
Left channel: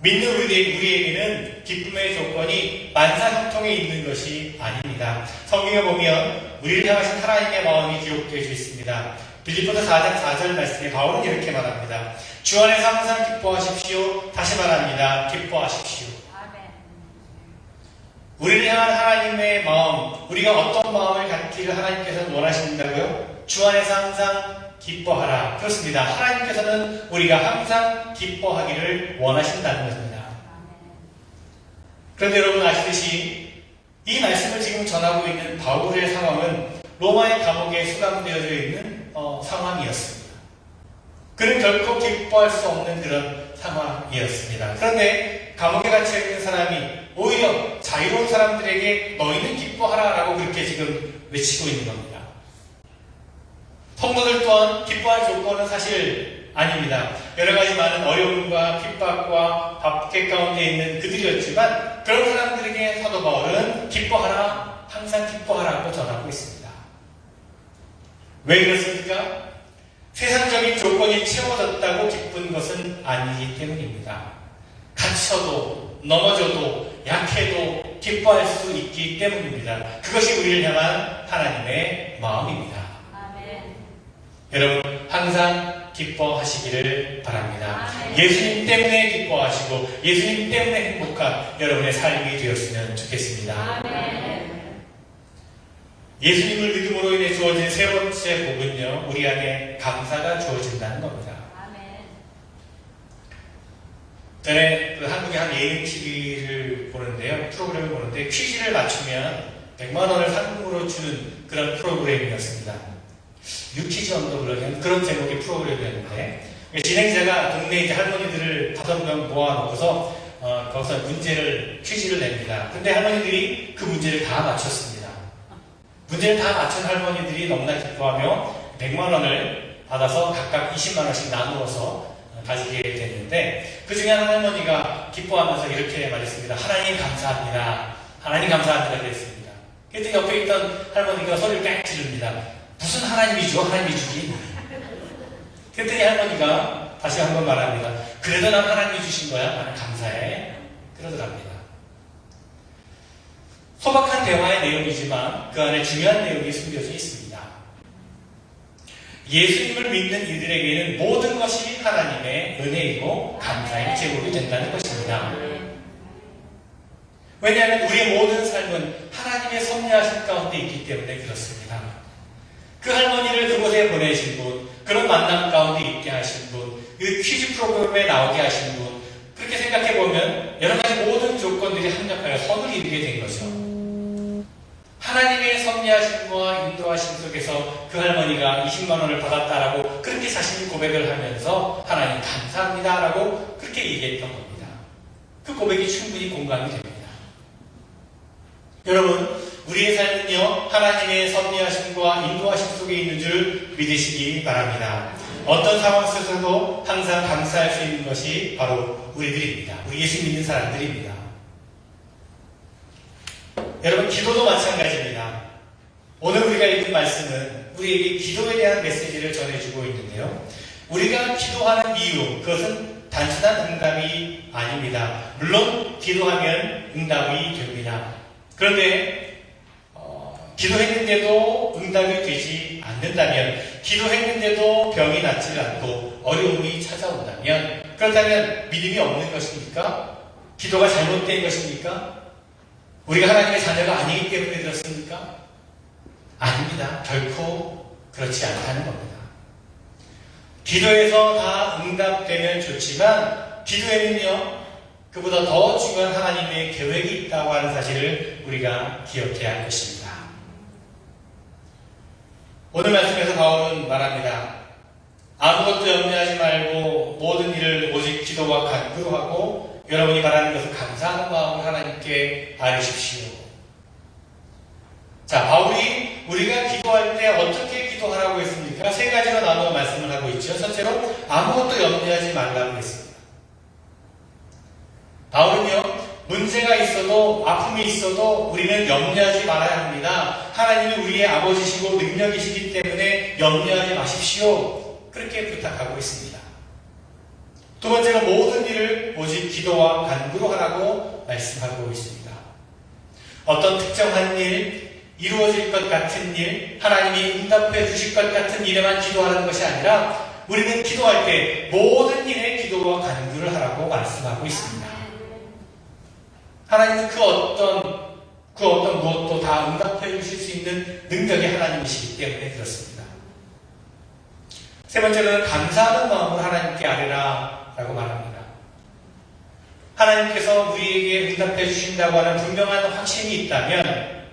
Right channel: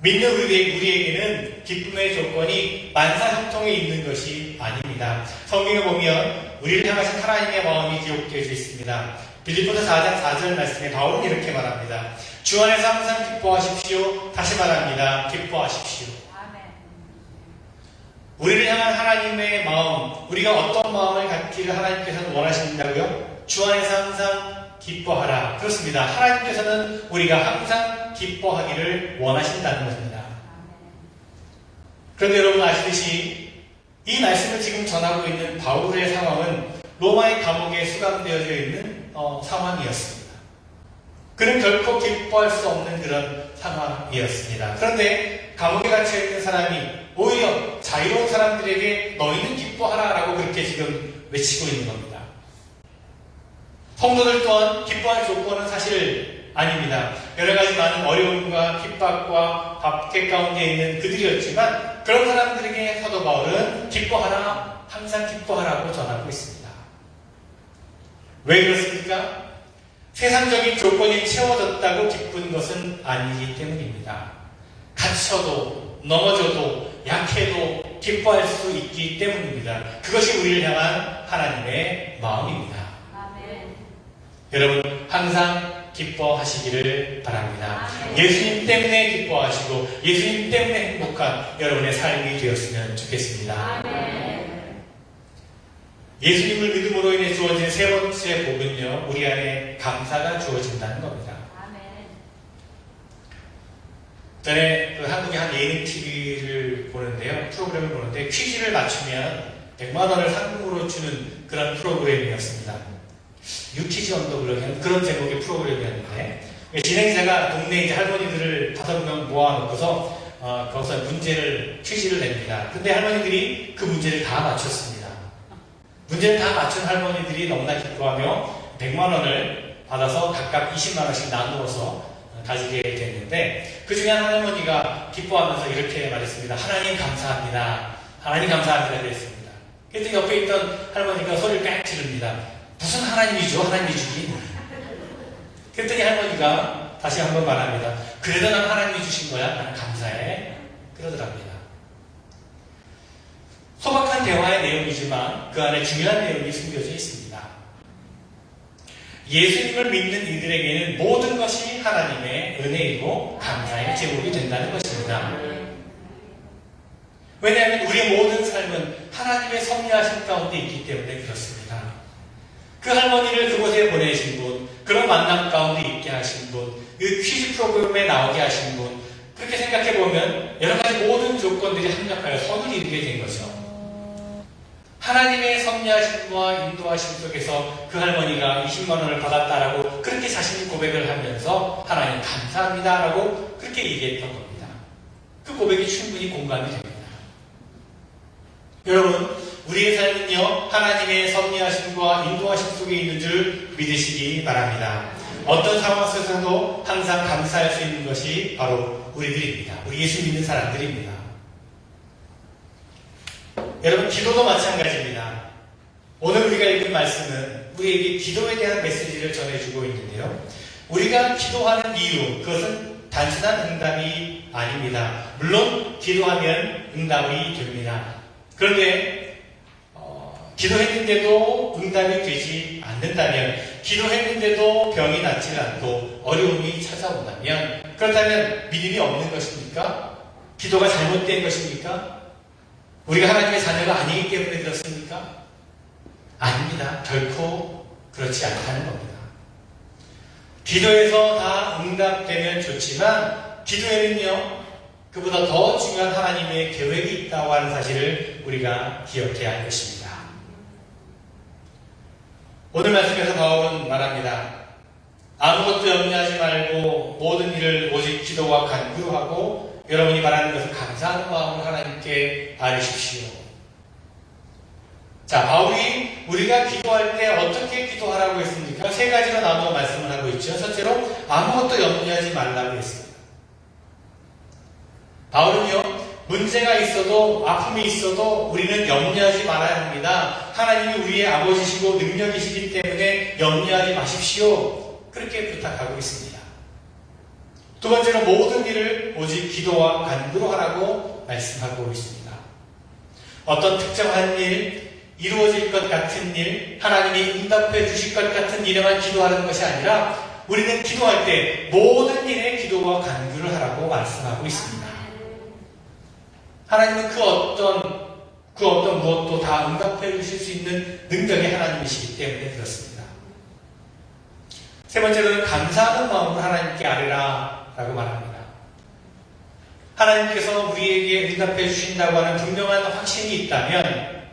믿는 우리에게는 기쁨의 조건이 만사형통에 있는 것이 아닙니다. 성경에 보면 우리를 향하신 하나님의 마음이 기록되어 있습니다. 빌립보서 4장 4절 말씀에 바울은 이렇게 말합니다. 주 안에서 항상 기뻐하십시오. 다시 말합니다. 기뻐하십시오. 우리를 향한 하나님의 마음, 우리가 어떤 마음을 갖기를 하나님께서 원하신다고요? 주 안에서 항상 기뻐하라. 그렇습니다. 하나님께서는 우리가 항상 기뻐하기를 원하신다는 것입니다. 그런데 여러분 아시듯이 이 말씀을 지금 전하고 있는 바울의 상황은 로마의 감옥에 수감되어져 있는 상황이었습니다. 그는 결코 기뻐할 수 없는 그런 상황이었습니다. 그런데 감옥에 갇혀있는 사람이 오히려 자유로운 사람들에게 너희는 기뻐하라라고 그렇게 지금 외치고 있는 겁니다. 성도들 또한 기뻐할 조건은 사실 아닙니다. 여러 가지 많은 어려움과 핍박과 박해 가운데 있는 그들이었지만 그런 사람들에게 사도 바울은 기뻐하라, 항상 기뻐하라고 전하고 있습니다. 왜 그렇습니까? 세상적인 조건이 채워졌다고 기쁜 것은 아니기 때문입니다. 갇혀도 넘어져도 약해도 기뻐할 수 있기 때문입니다. 그것이 우리를 향한 하나님의 마음입니다. 여러분 항상 기뻐하시기를 바랍니다. 예수님 때문에 기뻐하시고 예수님 때문에 행복한 여러분의 삶이 되었으면 좋겠습니다. 예수님을 믿음으로 인해 주어진 세 번째 복은요, 우리 안에 감사가 주어진다는 겁니다. 전에 한국의 한 예능 TV를 보는데요, 프로그램을 보는데 퀴즈를 맞추면 100만 원을 상금으로 주는 그런 프로그램이었습니다. 유퀴즈 언더블럭이라는 그런 제목의 프로그램이었는데 진행자가 동네 할머니들을 5명 모아놓고서 거기서 퀴즈를 냅니다. 근데 할머니들이 그 문제를 다 맞췄습니다. 문제를 다 맞춘 할머니들이 너무나 기뻐하며 100만 원을 받아서 각각 20만 원씩 나누어서 가지게 됐는데 그 중에 한 할머니가 기뻐하면서 이렇게 말했습니다. 하나님 감사합니다. 하나님 감사합니다. 그랬습니다. 그랬더니 옆에 있던 할머니가 소리를 빽 지릅니다. 무슨 하나님이죠? 하나님이 주긴. 그랬더니 할머니가 다시 한번 말합니다. 그래도 난 하나님이 주신 거야. 나는 감사해. 그러더랍니다. 소박한 대화의 내용이지만 그 안에 중요한 내용이 숨겨져 있습니다. 예수님을 믿는 이들에게는 모든 것이 하나님의 은혜이고 감사의 제목이 된다는 것입니다. 왜냐하면 우리의 모든 삶은 하나님의 섭리하신 가운데 있기 때문에 그렇습니다. 그 할머니를 그곳에 보내신 분, 그런 만남 가운데 있게 하신 분, 이 퀴즈 프로그램에 나오게 하신 분, 그렇게 생각해보면 여러 가지 모든 조건들이 합력하여 선을 이루게 된 거죠. 하나님의 섭리하심과 인도하심 속에서 그 할머니가 20만 원을 받았다라고 그렇게 자신이 고백을 하면서 하나님 감사합니다라고 그렇게 얘기했던 겁니다. 그 고백이 충분히 공감이 됩니다. 여러분, 우리의 삶은요, 하나님의 섭리하심과 인도하심 속에 있는 줄 믿으시기 바랍니다. 어떤 상황 속에서도 항상 감사할 수 있는 것이 바로 우리들입니다. 우리 예수 믿는 사람들입니다. 여러분, 기도도 마찬가지입니다. 오늘 우리가 읽은 말씀은 우리에게 기도에 대한 메시지를 전해주고 있는데요. 우리가 기도하는 이유, 그것은 단순한 응답이 아닙니다. 물론 기도하면 응답이 됩니다. 그런데 기도했는데도 응답이 되지 않는다면, 기도했는데도 병이 낫지 않고 어려움이 찾아온다면, 그렇다면 믿음이 없는 것입니까? 기도가 잘못된 것입니까? 우리가 하나님의 자녀가 아니기 때문에 그렇습니까? 아닙니다. 결코 그렇지 않다는 겁니다. 기도에서 다 응답되면 좋지만 기도에는요, 그보다 더 중요한 하나님의 계획이 있다고 하는 사실을 우리가 기억해야 할 것입니다. 오늘 말씀에서 바울은 말합니다. 아무것도 염려하지 말고 모든 일을 오직 기도와 간구로 하고 여러분이 말하는 것을 감사하는 마음으로 하나님께 아뢰십시오. 자, 바울이 우리가 기도할 때 어떻게 기도하라고 했습니까? 세 가지로 나누어 말씀을 하고 있죠. 첫째로 아무것도 염려하지 말라고 했습니다. 바울은요, 문제가 있어도 아픔이 있어도 우리는 염려하지 말아야 합니다. 하나님이 우리의 아버지시고 능력이시기 때문에 염려하지 마십시오. 그렇게 부탁하고 있습니다. 두 번째는 모든 일을 오직 기도와 간구로 하라고 말씀하고 있습니다. 어떤 특정한 일, 이루어질 것 같은 일, 하나님이 응답해 주실 것 같은 일에만 기도하는 것이 아니라 우리는 기도할 때 모든 일에 기도와 간구를 하라고 말씀하고 있습니다. 하나님은 그 어떤 무엇도 다 응답해 주실 수 있는 능력이 하나님이시기 때문에 그렇습니다. 세 번째로는 감사하는 마음으로 하나님께 아뢰라 라고 말합니다. 하나님께서 우리에게 응답해 주신다고 하는 분명한 확신이 있다면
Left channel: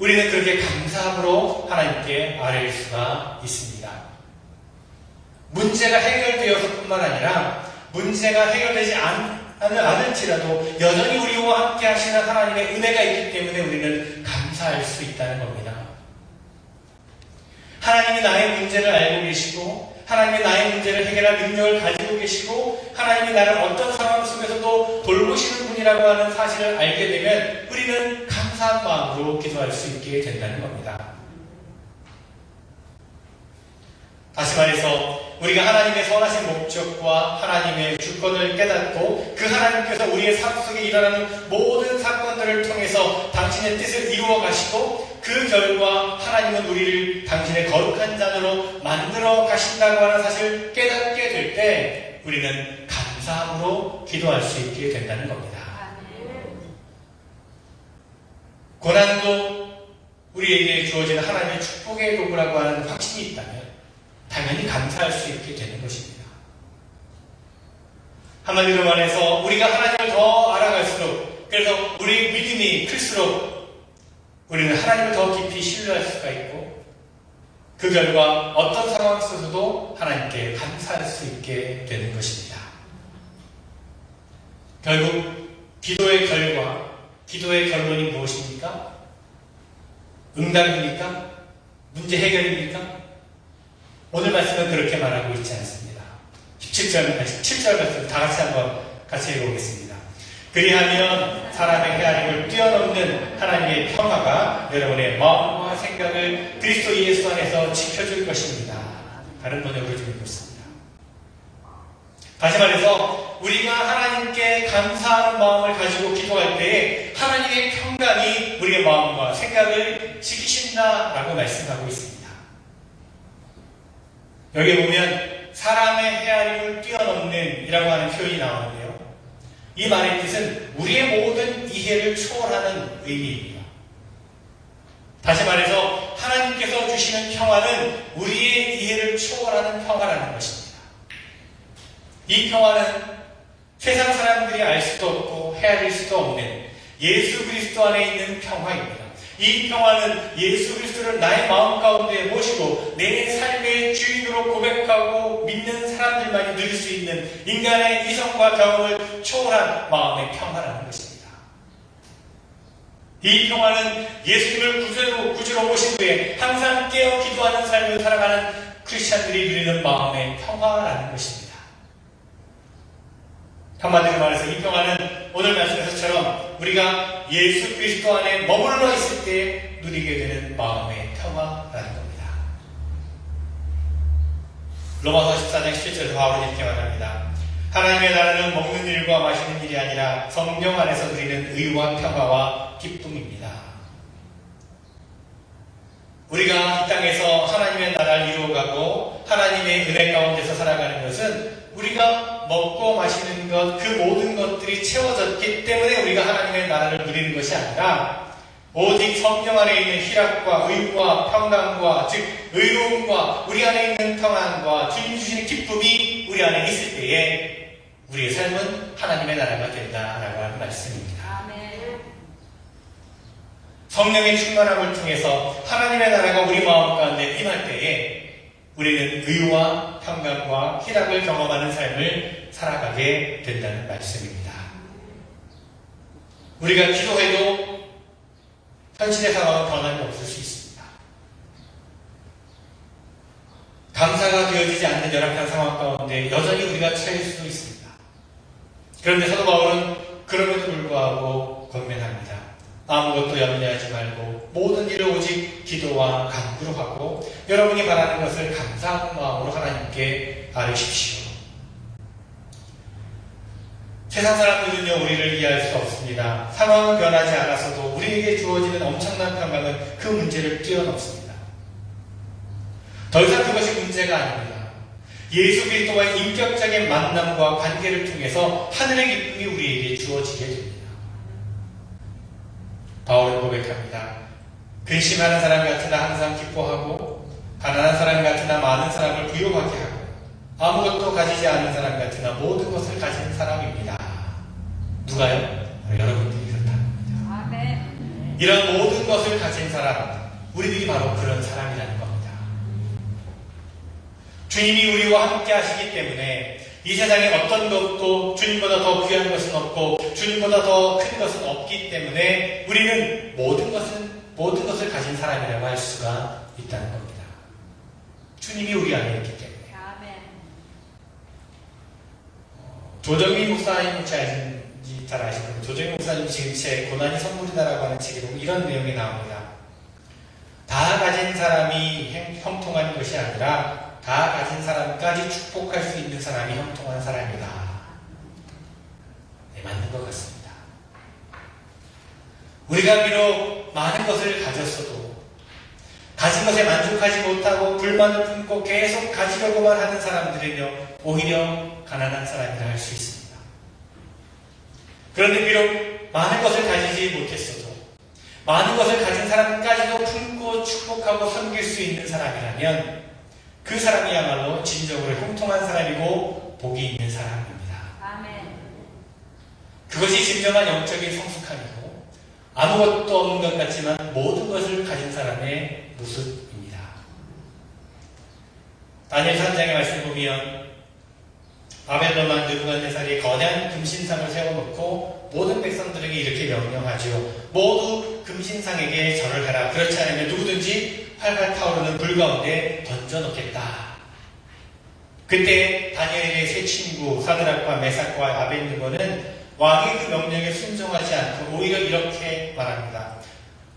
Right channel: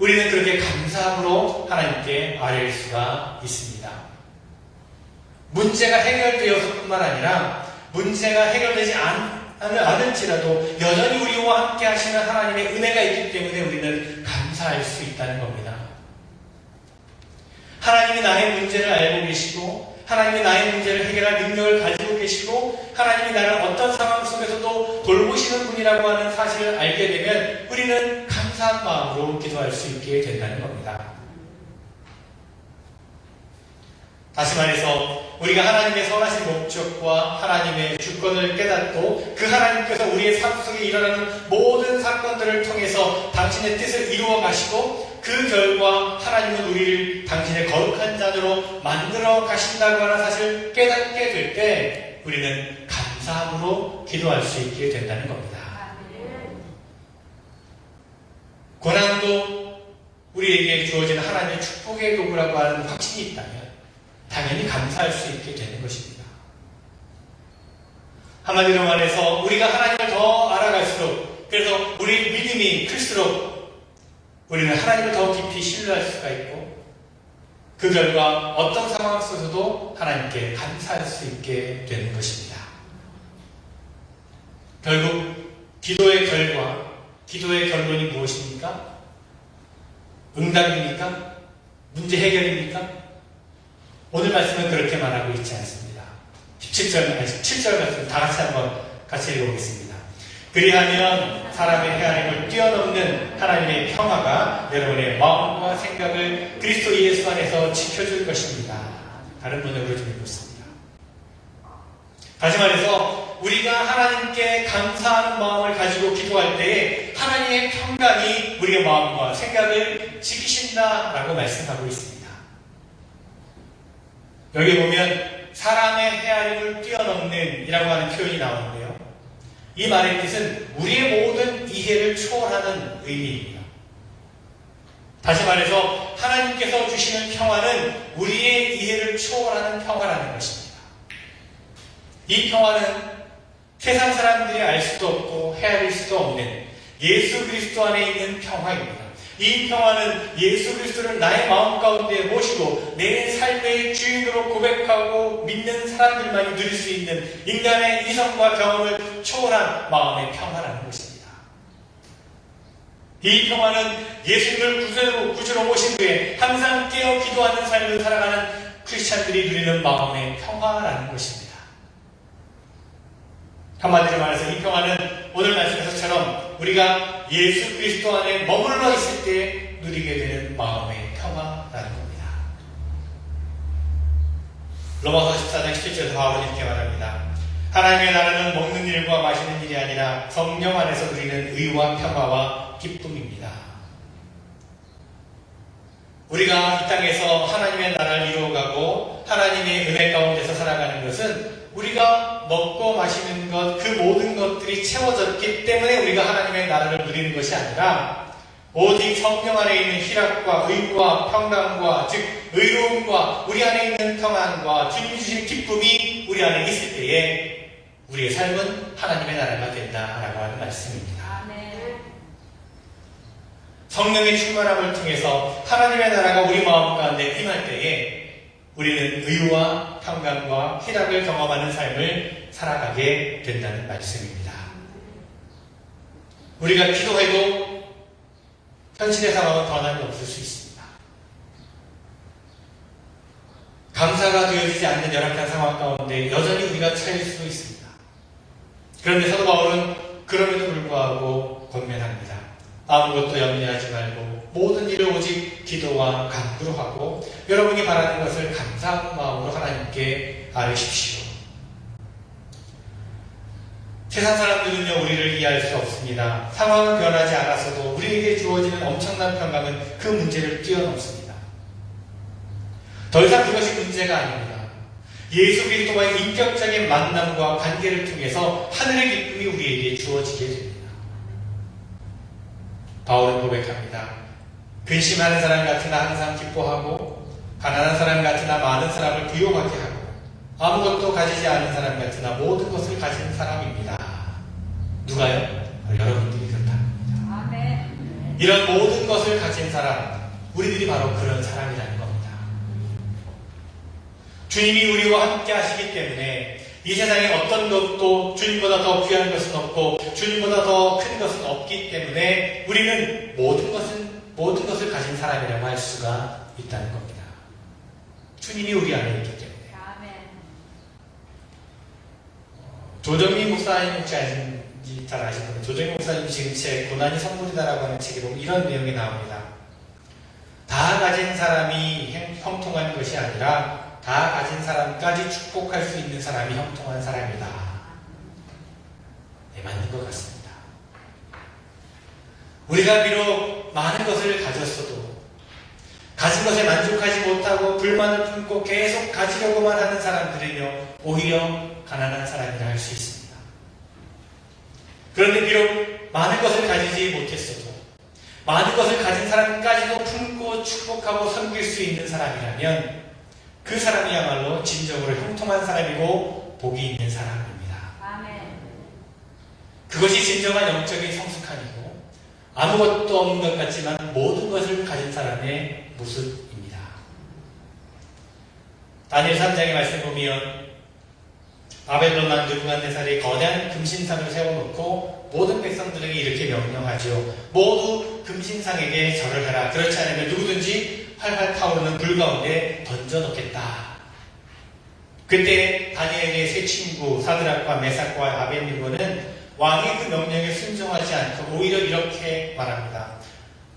우리는 그렇게 감사함으로 하나님께 아뢰일 수가 있습니다. 문제가 해결되어서 뿐만 아니라 문제가 해결되지 않을지라도 여전히 우리와 함께 하시는 하나님의 은혜가 있기 때문에 우리는 감사할 수 있다는 겁니다. 하나님이 나의 문제를 알고 계시고 하나님이 나의 문제를 해결할 능력을 가지고 계시고 하나님이 나를 어떤 상황 속에서도 돌보시는 분이라고 하는 사실을 알게 되면 우리는 감사한 마음으로 기도할 수 있게 된다는 겁니다. 다시 말해서 우리가 하나님의 선하신 목적과 하나님의 주권을 깨닫고 그 하나님께서 우리의 삶 속에 일어나는 모든 사건들을 통해서 당신의 뜻을 이루어 가시고 그 결과 하나님은 우리를 당신의 거룩한 자녀로 만들어 가신다고 하는 사실을 깨닫게 될 때 우리는 감사함으로 기도할 수 있게 된다는 겁니다. 고난도 우리에게 주어진 하나님의 축복의 도구라고 하는 확신이 있다면 당연히 감사할 수 있게 되는 것입니다. 한마디로 말해서 우리가 하나님을 더 알아갈수록 그래서 우리의 믿음이 클수록 우리는 하나님을 더 깊이 신뢰할 수가 있고 그 결과 어떤 상황 속에서도 하나님께 감사할 수 있게 되는 것입니다. 결국 기도의 결과, 기도의 결론이 무엇입니까? 응답입니까? 문제 해결입니까? 오늘 말씀은 그렇게 말하고 있지 않습니다. 17절 말씀 다 같이 한번 같이 읽어보겠습니다. 그리하면 사람의 헤아림을 뛰어넘는 하나님의 평화가 여러분의 마음과 생각을 그리스도 예수 안에서 지켜줄 것입니다. 다른 번역으로 좀 읽겠습니다. 다시 말해서 우리가 하나님께 감사하는 마음을 가지고 기도할 때에 하나님의 평강이 우리의 마음과 생각을 지키신다라고 말씀하고 있습니다. 여기 보면 사람의 헤아림을 뛰어넘는 이라고 하는 표현이 나오는데요. 이 말의 뜻은 우리의 모든 이해를 초월하는 의미입니다. 다시 말해서 하나님께서 주시는 평화는 우리의 이해를 초월하는 평화라는 것입니다. 이 평화는 세상 사람들이 알 수도 없고 헤아릴 수도 없는 예수 그리스도 안에 있는 평화입니다. 이 평화는 예수 그리스도를 나의 마음 가운데 모시고 내 삶의 주인으로 고백하고 믿는 사람들만이 누릴 수 있는 인간의 이성과 경험을 초월한 마음의 평화라는 것입니다. 이 평화는 예수님을 구주로 모신 후에 항상 깨어 기도하는 삶을 살아가는 크리스찬들이 누리는 마음의 평화라는 것입니다. 한마디로 말해서 이 평화는 오늘 말씀에서처럼 우리가 예수 그리스도 안에 머물러 있을 때 누리게 되는 마음의 평화라는 겁니다. 로마서 14장 17절에서 바울은 이렇게 말합니다. 하나님의 나라는 먹는 일과 마시는 일이 아니라 성령 안에서 누리는 의와 평화와 기쁨입니다. 우리가 이 땅에서 하나님의 나라를 이루어가고 하나님의 은혜 가운데서 살아가는 것은 우리가 먹고 마시는 것, 그 모든 것들이 채워졌기 때문에 우리가 하나님의 나라를 누리는 것이 아니라 오직 성령 안에 있는 희락과 의와 평강과 즉 의로움과 우리 안에 있는 평안과 기름 주시는 기쁨이 우리 안에 있을 때에 우리의 삶은 하나님의 나라가 된다라고 하는 말씀입니다. 성령의 충만함을 통해서 하나님의 나라가 우리 마음 가운데 임할 때에 우리는 의와 평강과 희락을 경험하는 삶을 살아가게 된다는 말씀입니다. 우리가 기도해도 현실의 상황은 변함이 없을 수 있습니다. 감사가 되어지지 않는 열악한 상황 가운데 여전히 우리가 처할 수도 있습니다. 그런데 사도 바울은 그럼에도 불구하고 권면합니다. 아무것도 염려하지 말고 모든 일을 오직 기도와 간구로 하고 여러분이 바라는 것을 감사하는 마음으로 하나님께 아뢰십시오. 세상 사람들은요 우리를 이해할 수 없습니다. 상황은 변하지 않았어도 우리에게 주어지는 엄청난 평강은 그 문제를 뛰어넘습니다. 더 이상 그것이 문제가 아닙니다. 예수 그리스도와의 인격적인 만남과 관계를 통해서 하늘의 기쁨이 우리에게 주어지게 됩니다. 바울은 고백합니다. 근심하는 사람 같으나 항상 기뻐하고 가난한 사람 같으나 많은 사람을 부요하게 하고 아무것도 가지지 않은 사람 같으나 모든 것을 가진 사람입니다. 누가요? 여러분들이 그렇답니다. 아멘. 이런 모든 것을 가진 사람, 우리들이 바로 그런 사람이라는 겁니다. 주님이 우리와 함께 하시기 때문에 이 세상에 어떤 것도 주님보다 더 귀한 것은 없고 주님보다 더 큰 것은 없기 때문에 우리는 모든 것을 가진 사람이라고 할 수가 있다는 겁니다. 주님이 우리 안에 있기 때문에. 아멘. 조정민 목사님 혹시 아시는지 잘 아시는데 조정민 목사님 지금 책 고난이 선물이다라고 하는 책에 이런 내용이 나옵니다. 다 가진 사람이 형통한 것이 아니라 다 가진 사람까지 축복할 수 있는 사람이 형통한 사람이다. 네, 맞는 것 같습니다. 우리가 비록 많은 것을 가졌어도 가진 것에 만족하지 못하고 불만을 품고 계속 가지려고만 하는 사람들은요, 오히려 가난한 사람이라 할 수 있습니다. 그런데 비록 많은 것을 가지지 못했어도 많은 것을 가진 사람까지도 품고 축복하고 섬길 수 있는 사람이라면 그 사람이야말로 진정으로 형통한 사람이고 복이 있는 사람입니다. 아멘. 그것이 진정한 영적인 성숙함이고 아무것도 없는 것 같지만 모든 것을 가진 사람의 모습입니다. 다니엘 3장의 말씀 보면 바벨론 왕 느부갓네살이 거대한 금신상을 세워놓고 모든 백성들에게 이렇게 명령하죠. 모두 금신상에게 절을 해라. 그렇지 않으면 누구든지 활활 타오르는 불 가운데 던져놓겠다. 그때 다니엘의 세 친구 사드락과 메삭과 아벳느고는 왕의 그 명령에 순종하지 않고 오히려 이렇게 말합니다.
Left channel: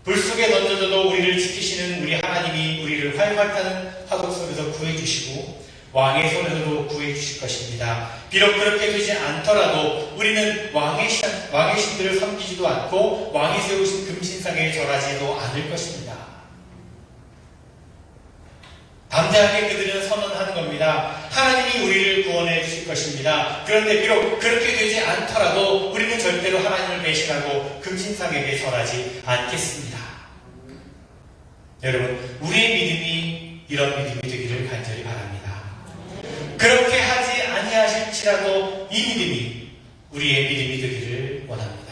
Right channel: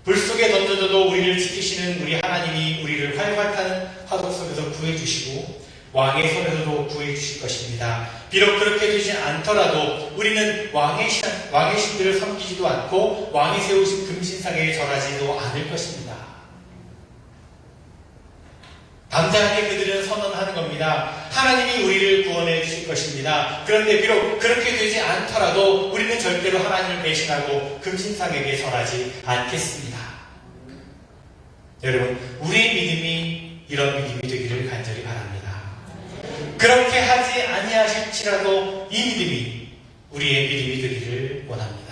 불 속에 던져져도 우리를 지키시는 우리 하나님이 우리를 활활 타는 화덕 속에서 구해주시고 왕의 손으로 구해주실 것입니다. 비록 그렇게 되지 않더라도 우리는 왕의 신들을 섬기지도 않고 왕이 세우신 금신상에 절하지도 않을 것입니다. 담대하게 그들은 선언하는 겁니다. 하나님이 우리를 구원해 주실 것입니다. 그런데 비록 그렇게 되지 않더라도 우리는 절대로 하나님을 배신하고 금신상에게 절하지 않겠습니다. 여러분, 우리의 믿음이 이런 믿음이 되기를 간절히 바랍니다. 그렇게 하지 아니하실지라도 이 믿음이 우리의 믿음이 되기를 원합니다.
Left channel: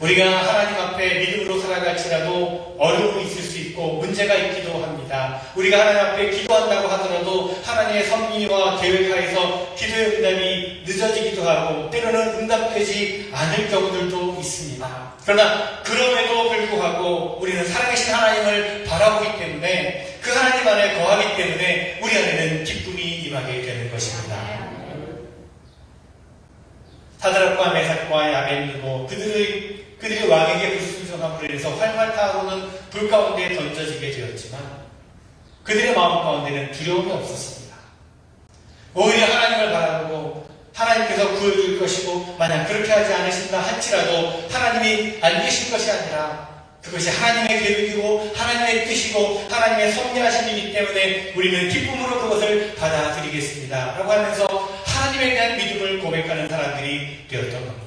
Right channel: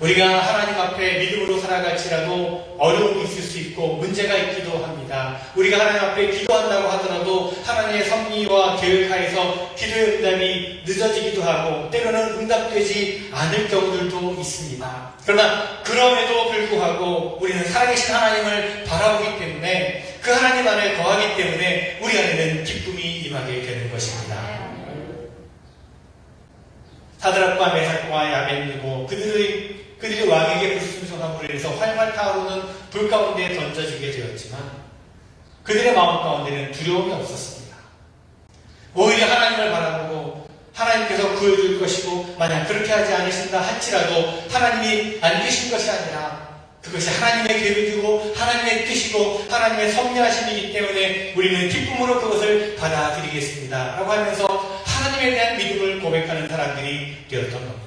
우리가 하나님 앞에 믿음으로 살아갈지라도 어려움이 있을 수 있고 문제가 있기도 합니다. 우리가 하나님 앞에 기도한다고 하더라도 하나님의 섭리와 계획하에서 기도의 응답이 늦어지기도 하고 때로는 응답되지 않을 경우들도 있습니다. 그러나 그럼에도 불구하고 우리는 살아계신 하나님을 바라보기 때문에 그 하나님 안에 거하기 때문에 우리 안에는 기쁨이 임하게 되는 것입니다. 사드락과 메삭과 아벳느고 그들이 왕에게 불순종함으로 인해서 활활 타오르는 불 가운데 던져지게 되었지만 그들의 마음 가운데는 두려움이 없었습니다. 오히려 하나님을 바라보고 하나님께서 구해줄 것이고 만약 그렇게 하지 않으신다 할지라도 하나님이 안 계신 것이 아니라 그것이 하나님의 계획이고 하나님의 뜻이고 하나님의 섭리하심이기 때문에 우리는 기쁨으로 그것을 받아들이겠습니다. 라고 하면서 하나님에 대한 믿음을 고백하는 사람들이 되었던 겁니다.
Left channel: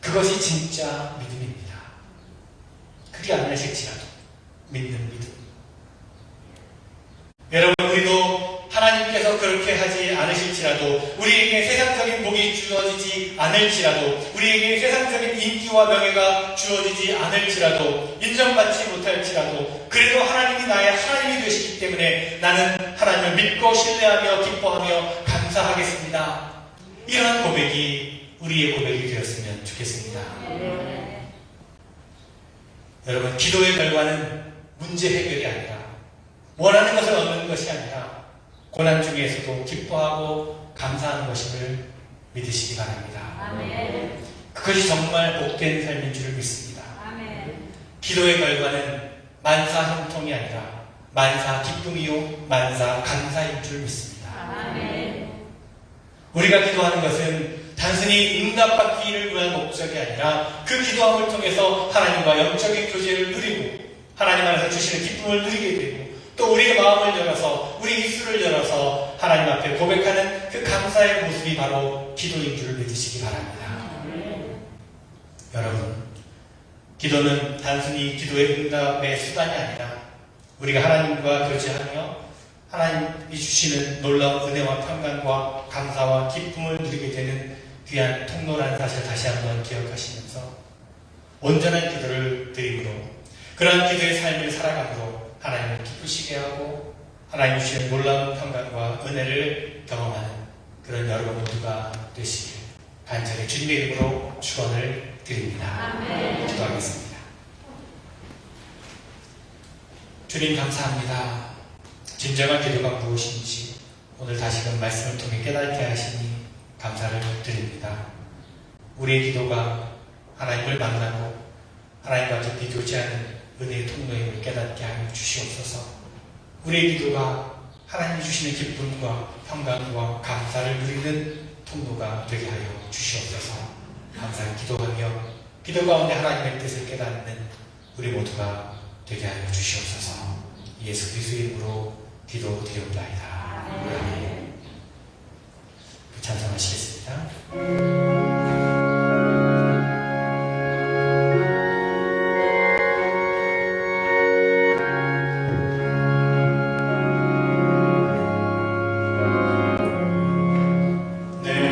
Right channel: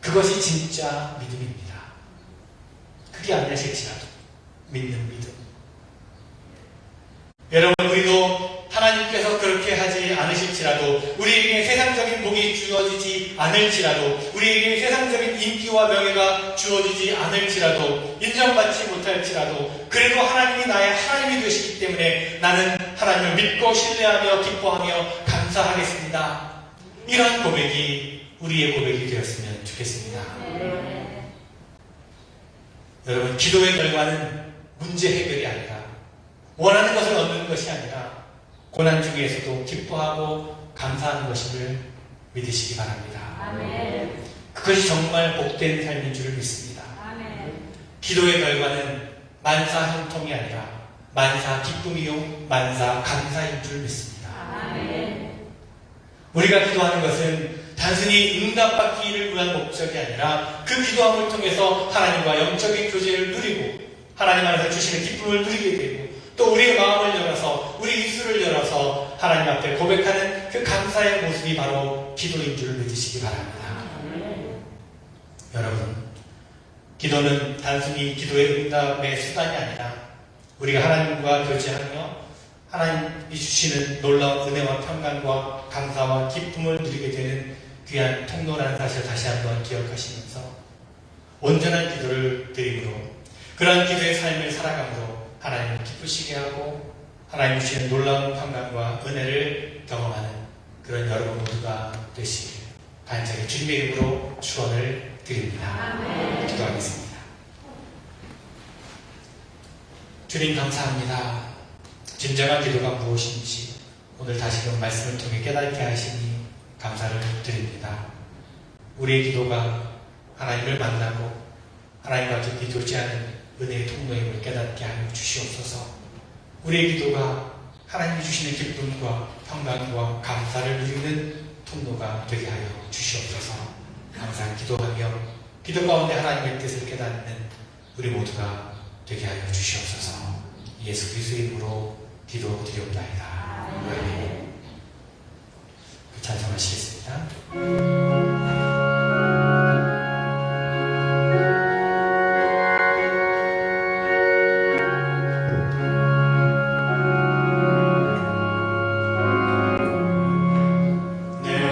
그것이 진짜 믿음입니다. 그게 아니실지라도 믿는 믿음. 여러분, 우리도 하나님께서 그렇게 하지 않으실지라도 우리에게 세상적인 복이 주어지지 않을지라도 우리에게 세상적인 인기와 명예가 주어지지 않을지라도 인정받지 못할지라도 그래도 하나님이 나의 하나님이 되시기 때문에 나는 하나님을 믿고 신뢰하며 기뻐하며 감사하겠습니다. 이러한 고백이 우리의 고백이 되었으면 좋겠습니다. 여러분, 기도의 결과는 문제 해결이 아니라 원하는 것을 얻는 것이 아니라 고난 중에서도 기뻐하고 감사하는 것임을 믿으시기 바랍니다. 아멘. 그것이 정말 복된 삶인 줄 믿습니다. 아멘. 기도의 결과는 만사 형통이 아니라 만사 기쁨이요 만사 감사인 줄 믿습니다. 아멘. 우리가 기도하는 것은 단순히 응답받기를 위한 목적이 아니라 그 기도함을 통해서 하나님과 영적인 교제를 누리고 하나님 안에서 주시는 기쁨을 누리게 되고 또 우리의 마음을 열어서 우리 입술을 열어서 하나님 앞에 고백하는 그 감사의 모습이 바로 기도인 줄 믿으시기 바랍니다. 여러분, 기도는 단순히 기도의 응답의 수단이 아니라 우리가 하나님과 교제하며 하나님이 주시는 놀라운 은혜와 평강과 감사와 기쁨을 누리게 되는 귀한 통로라는 사실을 다시 한번 기억하시면서 온전한 기도를 드림으로 그러한 기도의 삶을 살아감으로 하나님을 기쁘시게 하고 하나님 주시는 놀라운 평강과 은혜를 경험하는 그런 여러분 모두가 되시길 간절히 주님의 이름으로 축원을 드립니다. 기도하겠습니다. 주님 감사합니다. 진정한 기도가 무엇인지 오늘 다시금 말씀을 통해 깨닫게 하시니 감사를 드립니다. 우리의 기도가 하나님을 만나고 하나님과 깊이 교제하는 은혜의 통로임을 깨닫게 하여 주시옵소서. 우리의 기도가 하나님이 주시는 기쁨과 평강과 감사를 누리는 통로가 되게 하여 주시옵소서. 항상 기도하며 기도 가운데 하나님의 뜻을 깨닫는 우리 모두가 되게 하여 주시옵소서. 예수 그리스도의 이름으로 기도드리옵나이다. 아멘. 찬송하시겠습니다. 내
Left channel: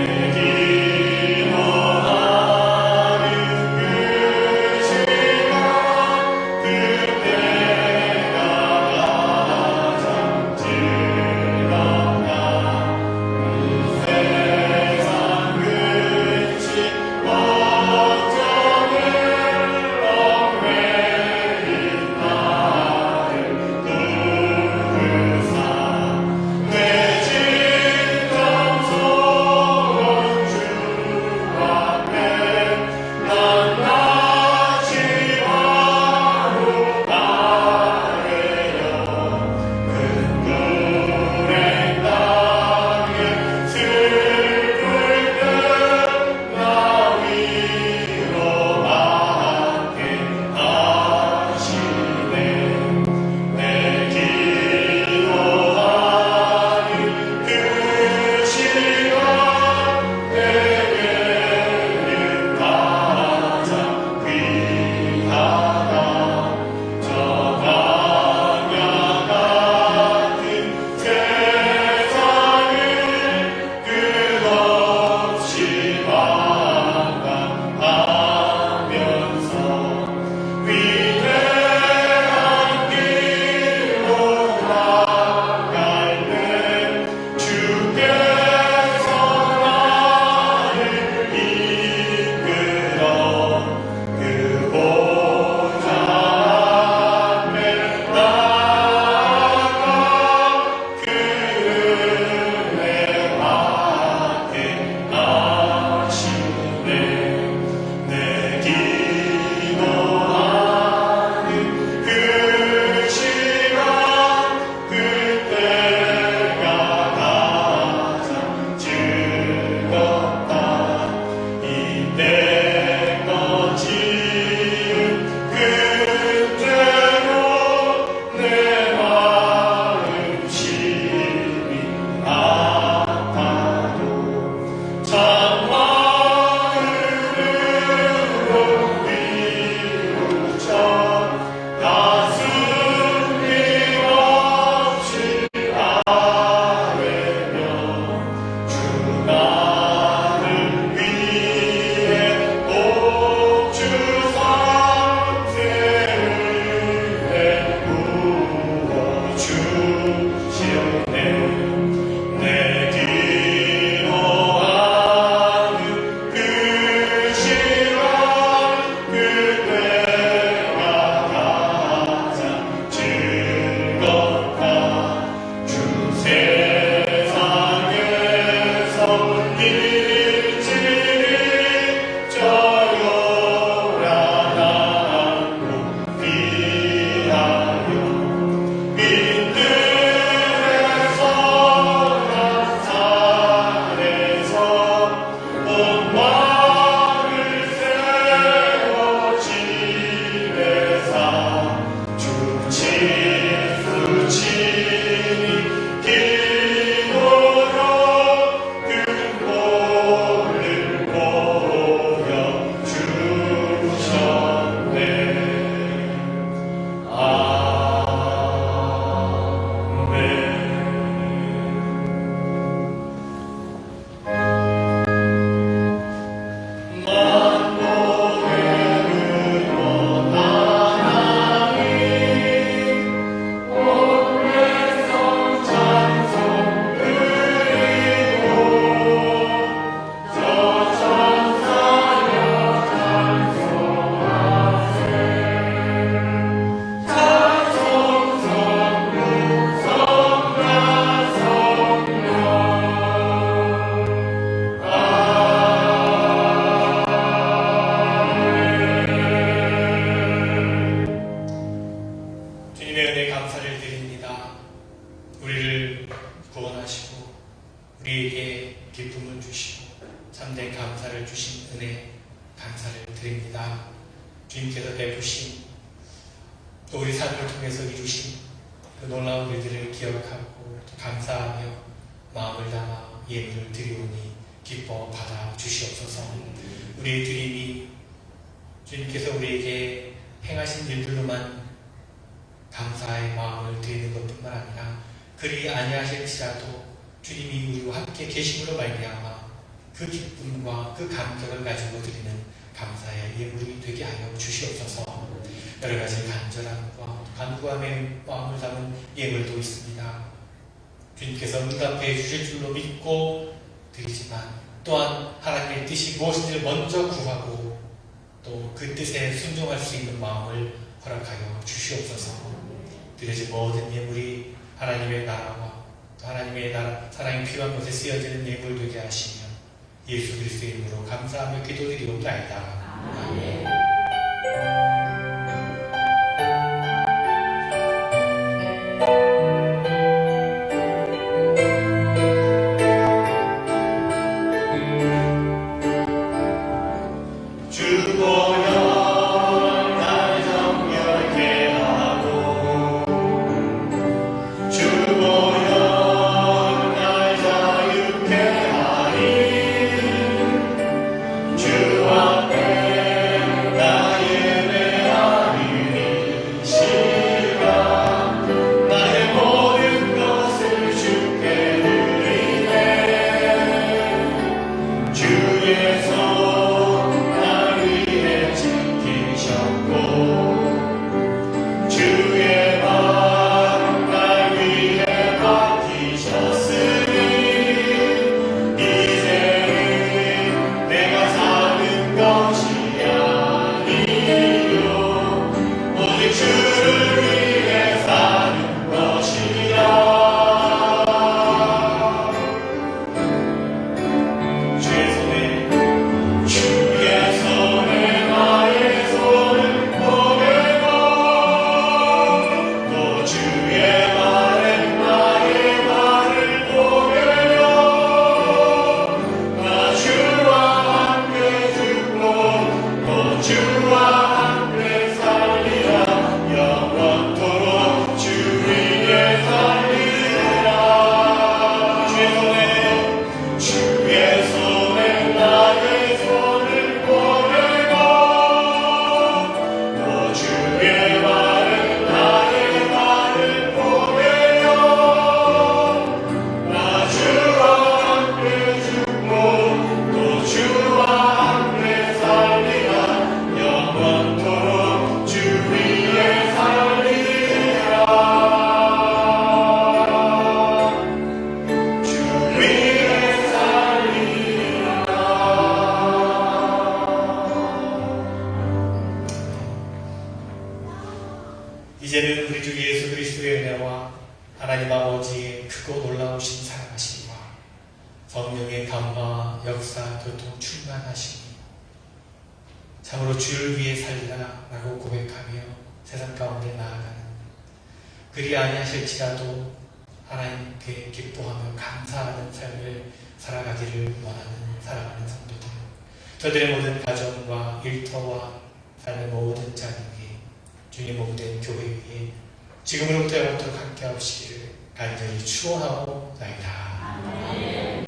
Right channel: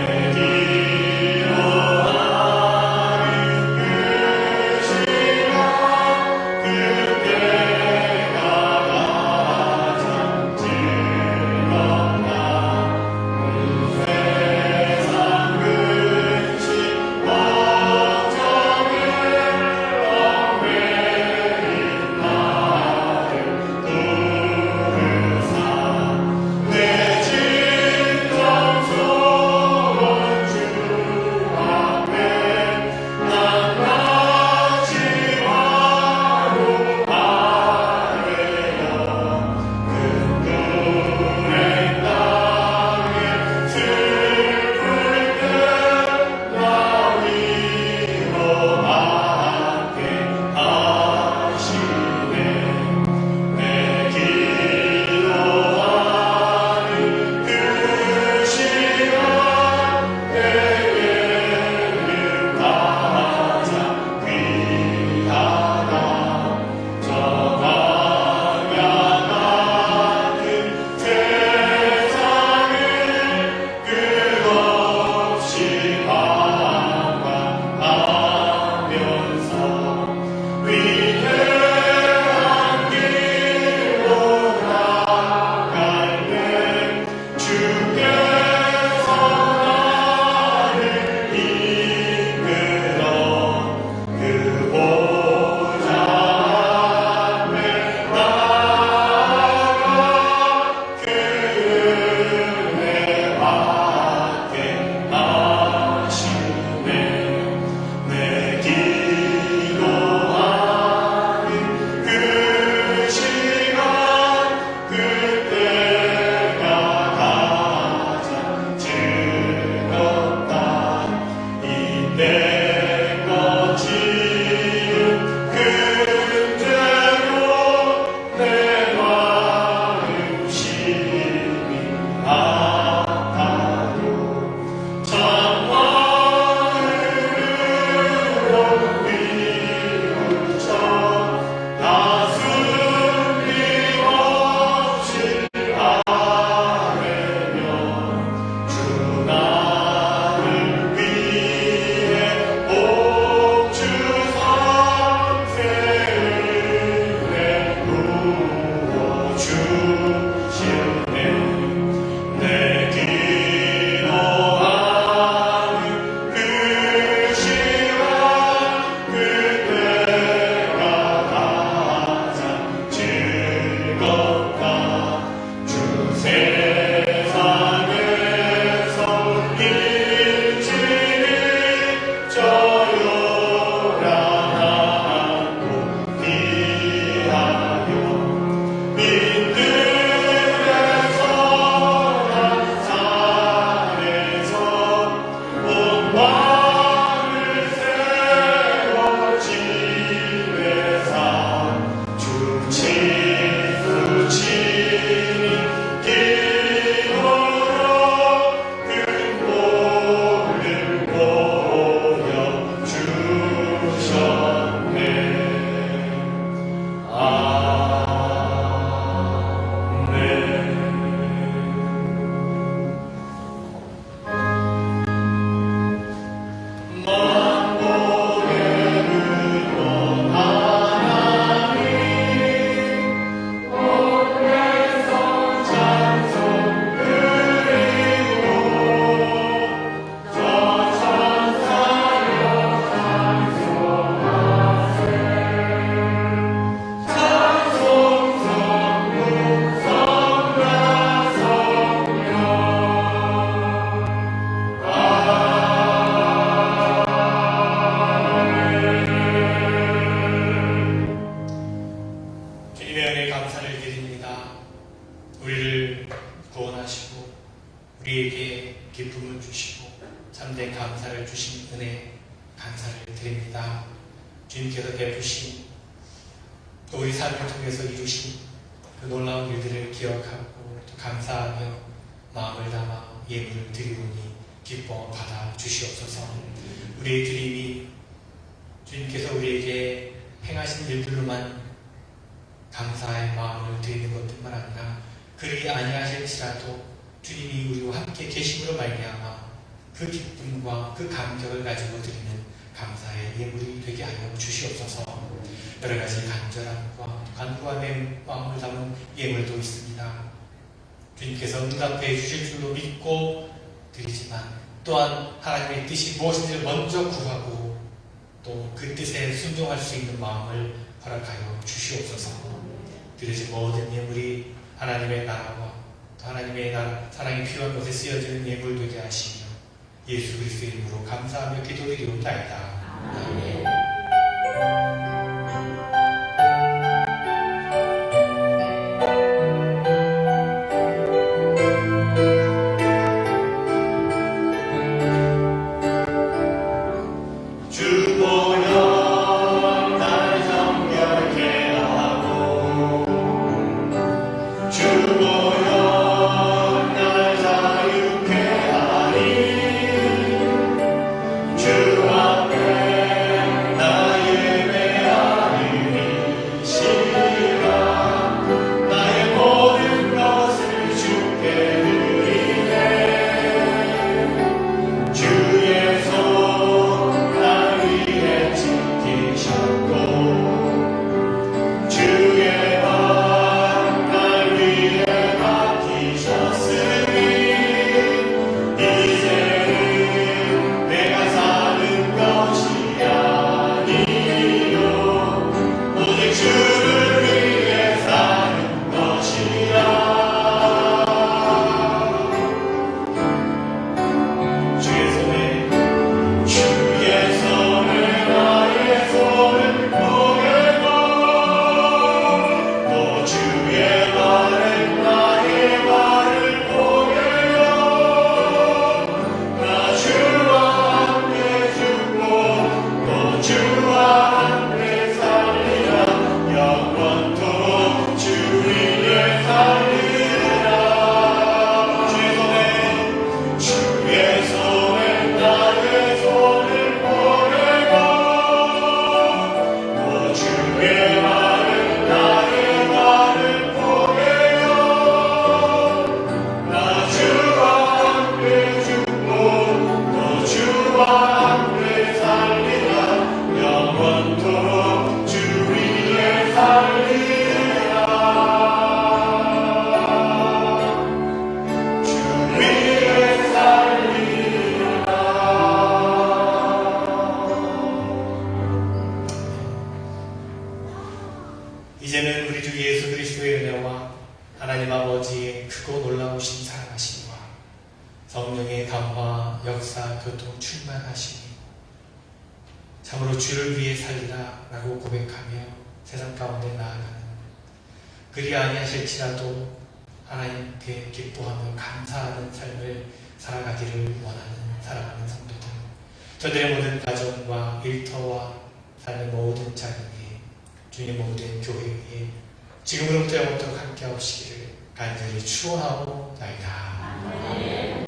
우리에게 기쁨을 주시고 참된 감사를 주신 은혜 감사를 드립니다. 주님께서 베푸신 또 우리 삶을 통해서 이루신 그 놀라운 일들을 기억하고 또 감사하며 마음을 담아 예물을 드리오니 기뻐 받아 주시옵소서. 우리의 드림이 주님께서 우리에게 행하신 일들로만 감사의 마음을 드리는 것뿐만 아니라 그리 아니하실지라도 주님이 우리와 함께 계심으로 말미암아 그 기쁨과 그 감격을 가지고 드리는 감사의 예물이 되게 하여 주시옵소서. 여러 가지 간절함과 간구함의 마음을 담은 예물도 있습니다. 주님께서 응답해 주실 줄로 믿고 드리지만 또한 하나님의 뜻이 무엇인지 먼저 구하고 또 그 뜻에 순종할 수 있는 마음을 허락하여 주시옵소서. 그래서 모든 예물이 하나님의 나라와 하나님의 나라 사랑이 필요한 것에 쓰여지는 예물 되게 하시며 예수 그리스도의 이름으로 감사하며 기도드리옵나이다. 아멘. 이제는 우리 주 예수 그리스도의 은혜와 하나님 아버지의 크고 놀라우신 사랑하심과 성령의 감화, 역사, 교통, 충만하심이 참으로 주를 위해 살리라 라고 고백하며 세상 가운데 나아가는 그리 아니하실지라도 하나님께 기뻐하며 감사하는 삶을 살아가기를 원하는 사랑하는 성도들, 저들의 모든 가정과 일터와 삶의 모든 자녀 주님 모든 교회 위에 지금으로부터 영원토록 함께 하시기를 간절히 축원하고 나이다.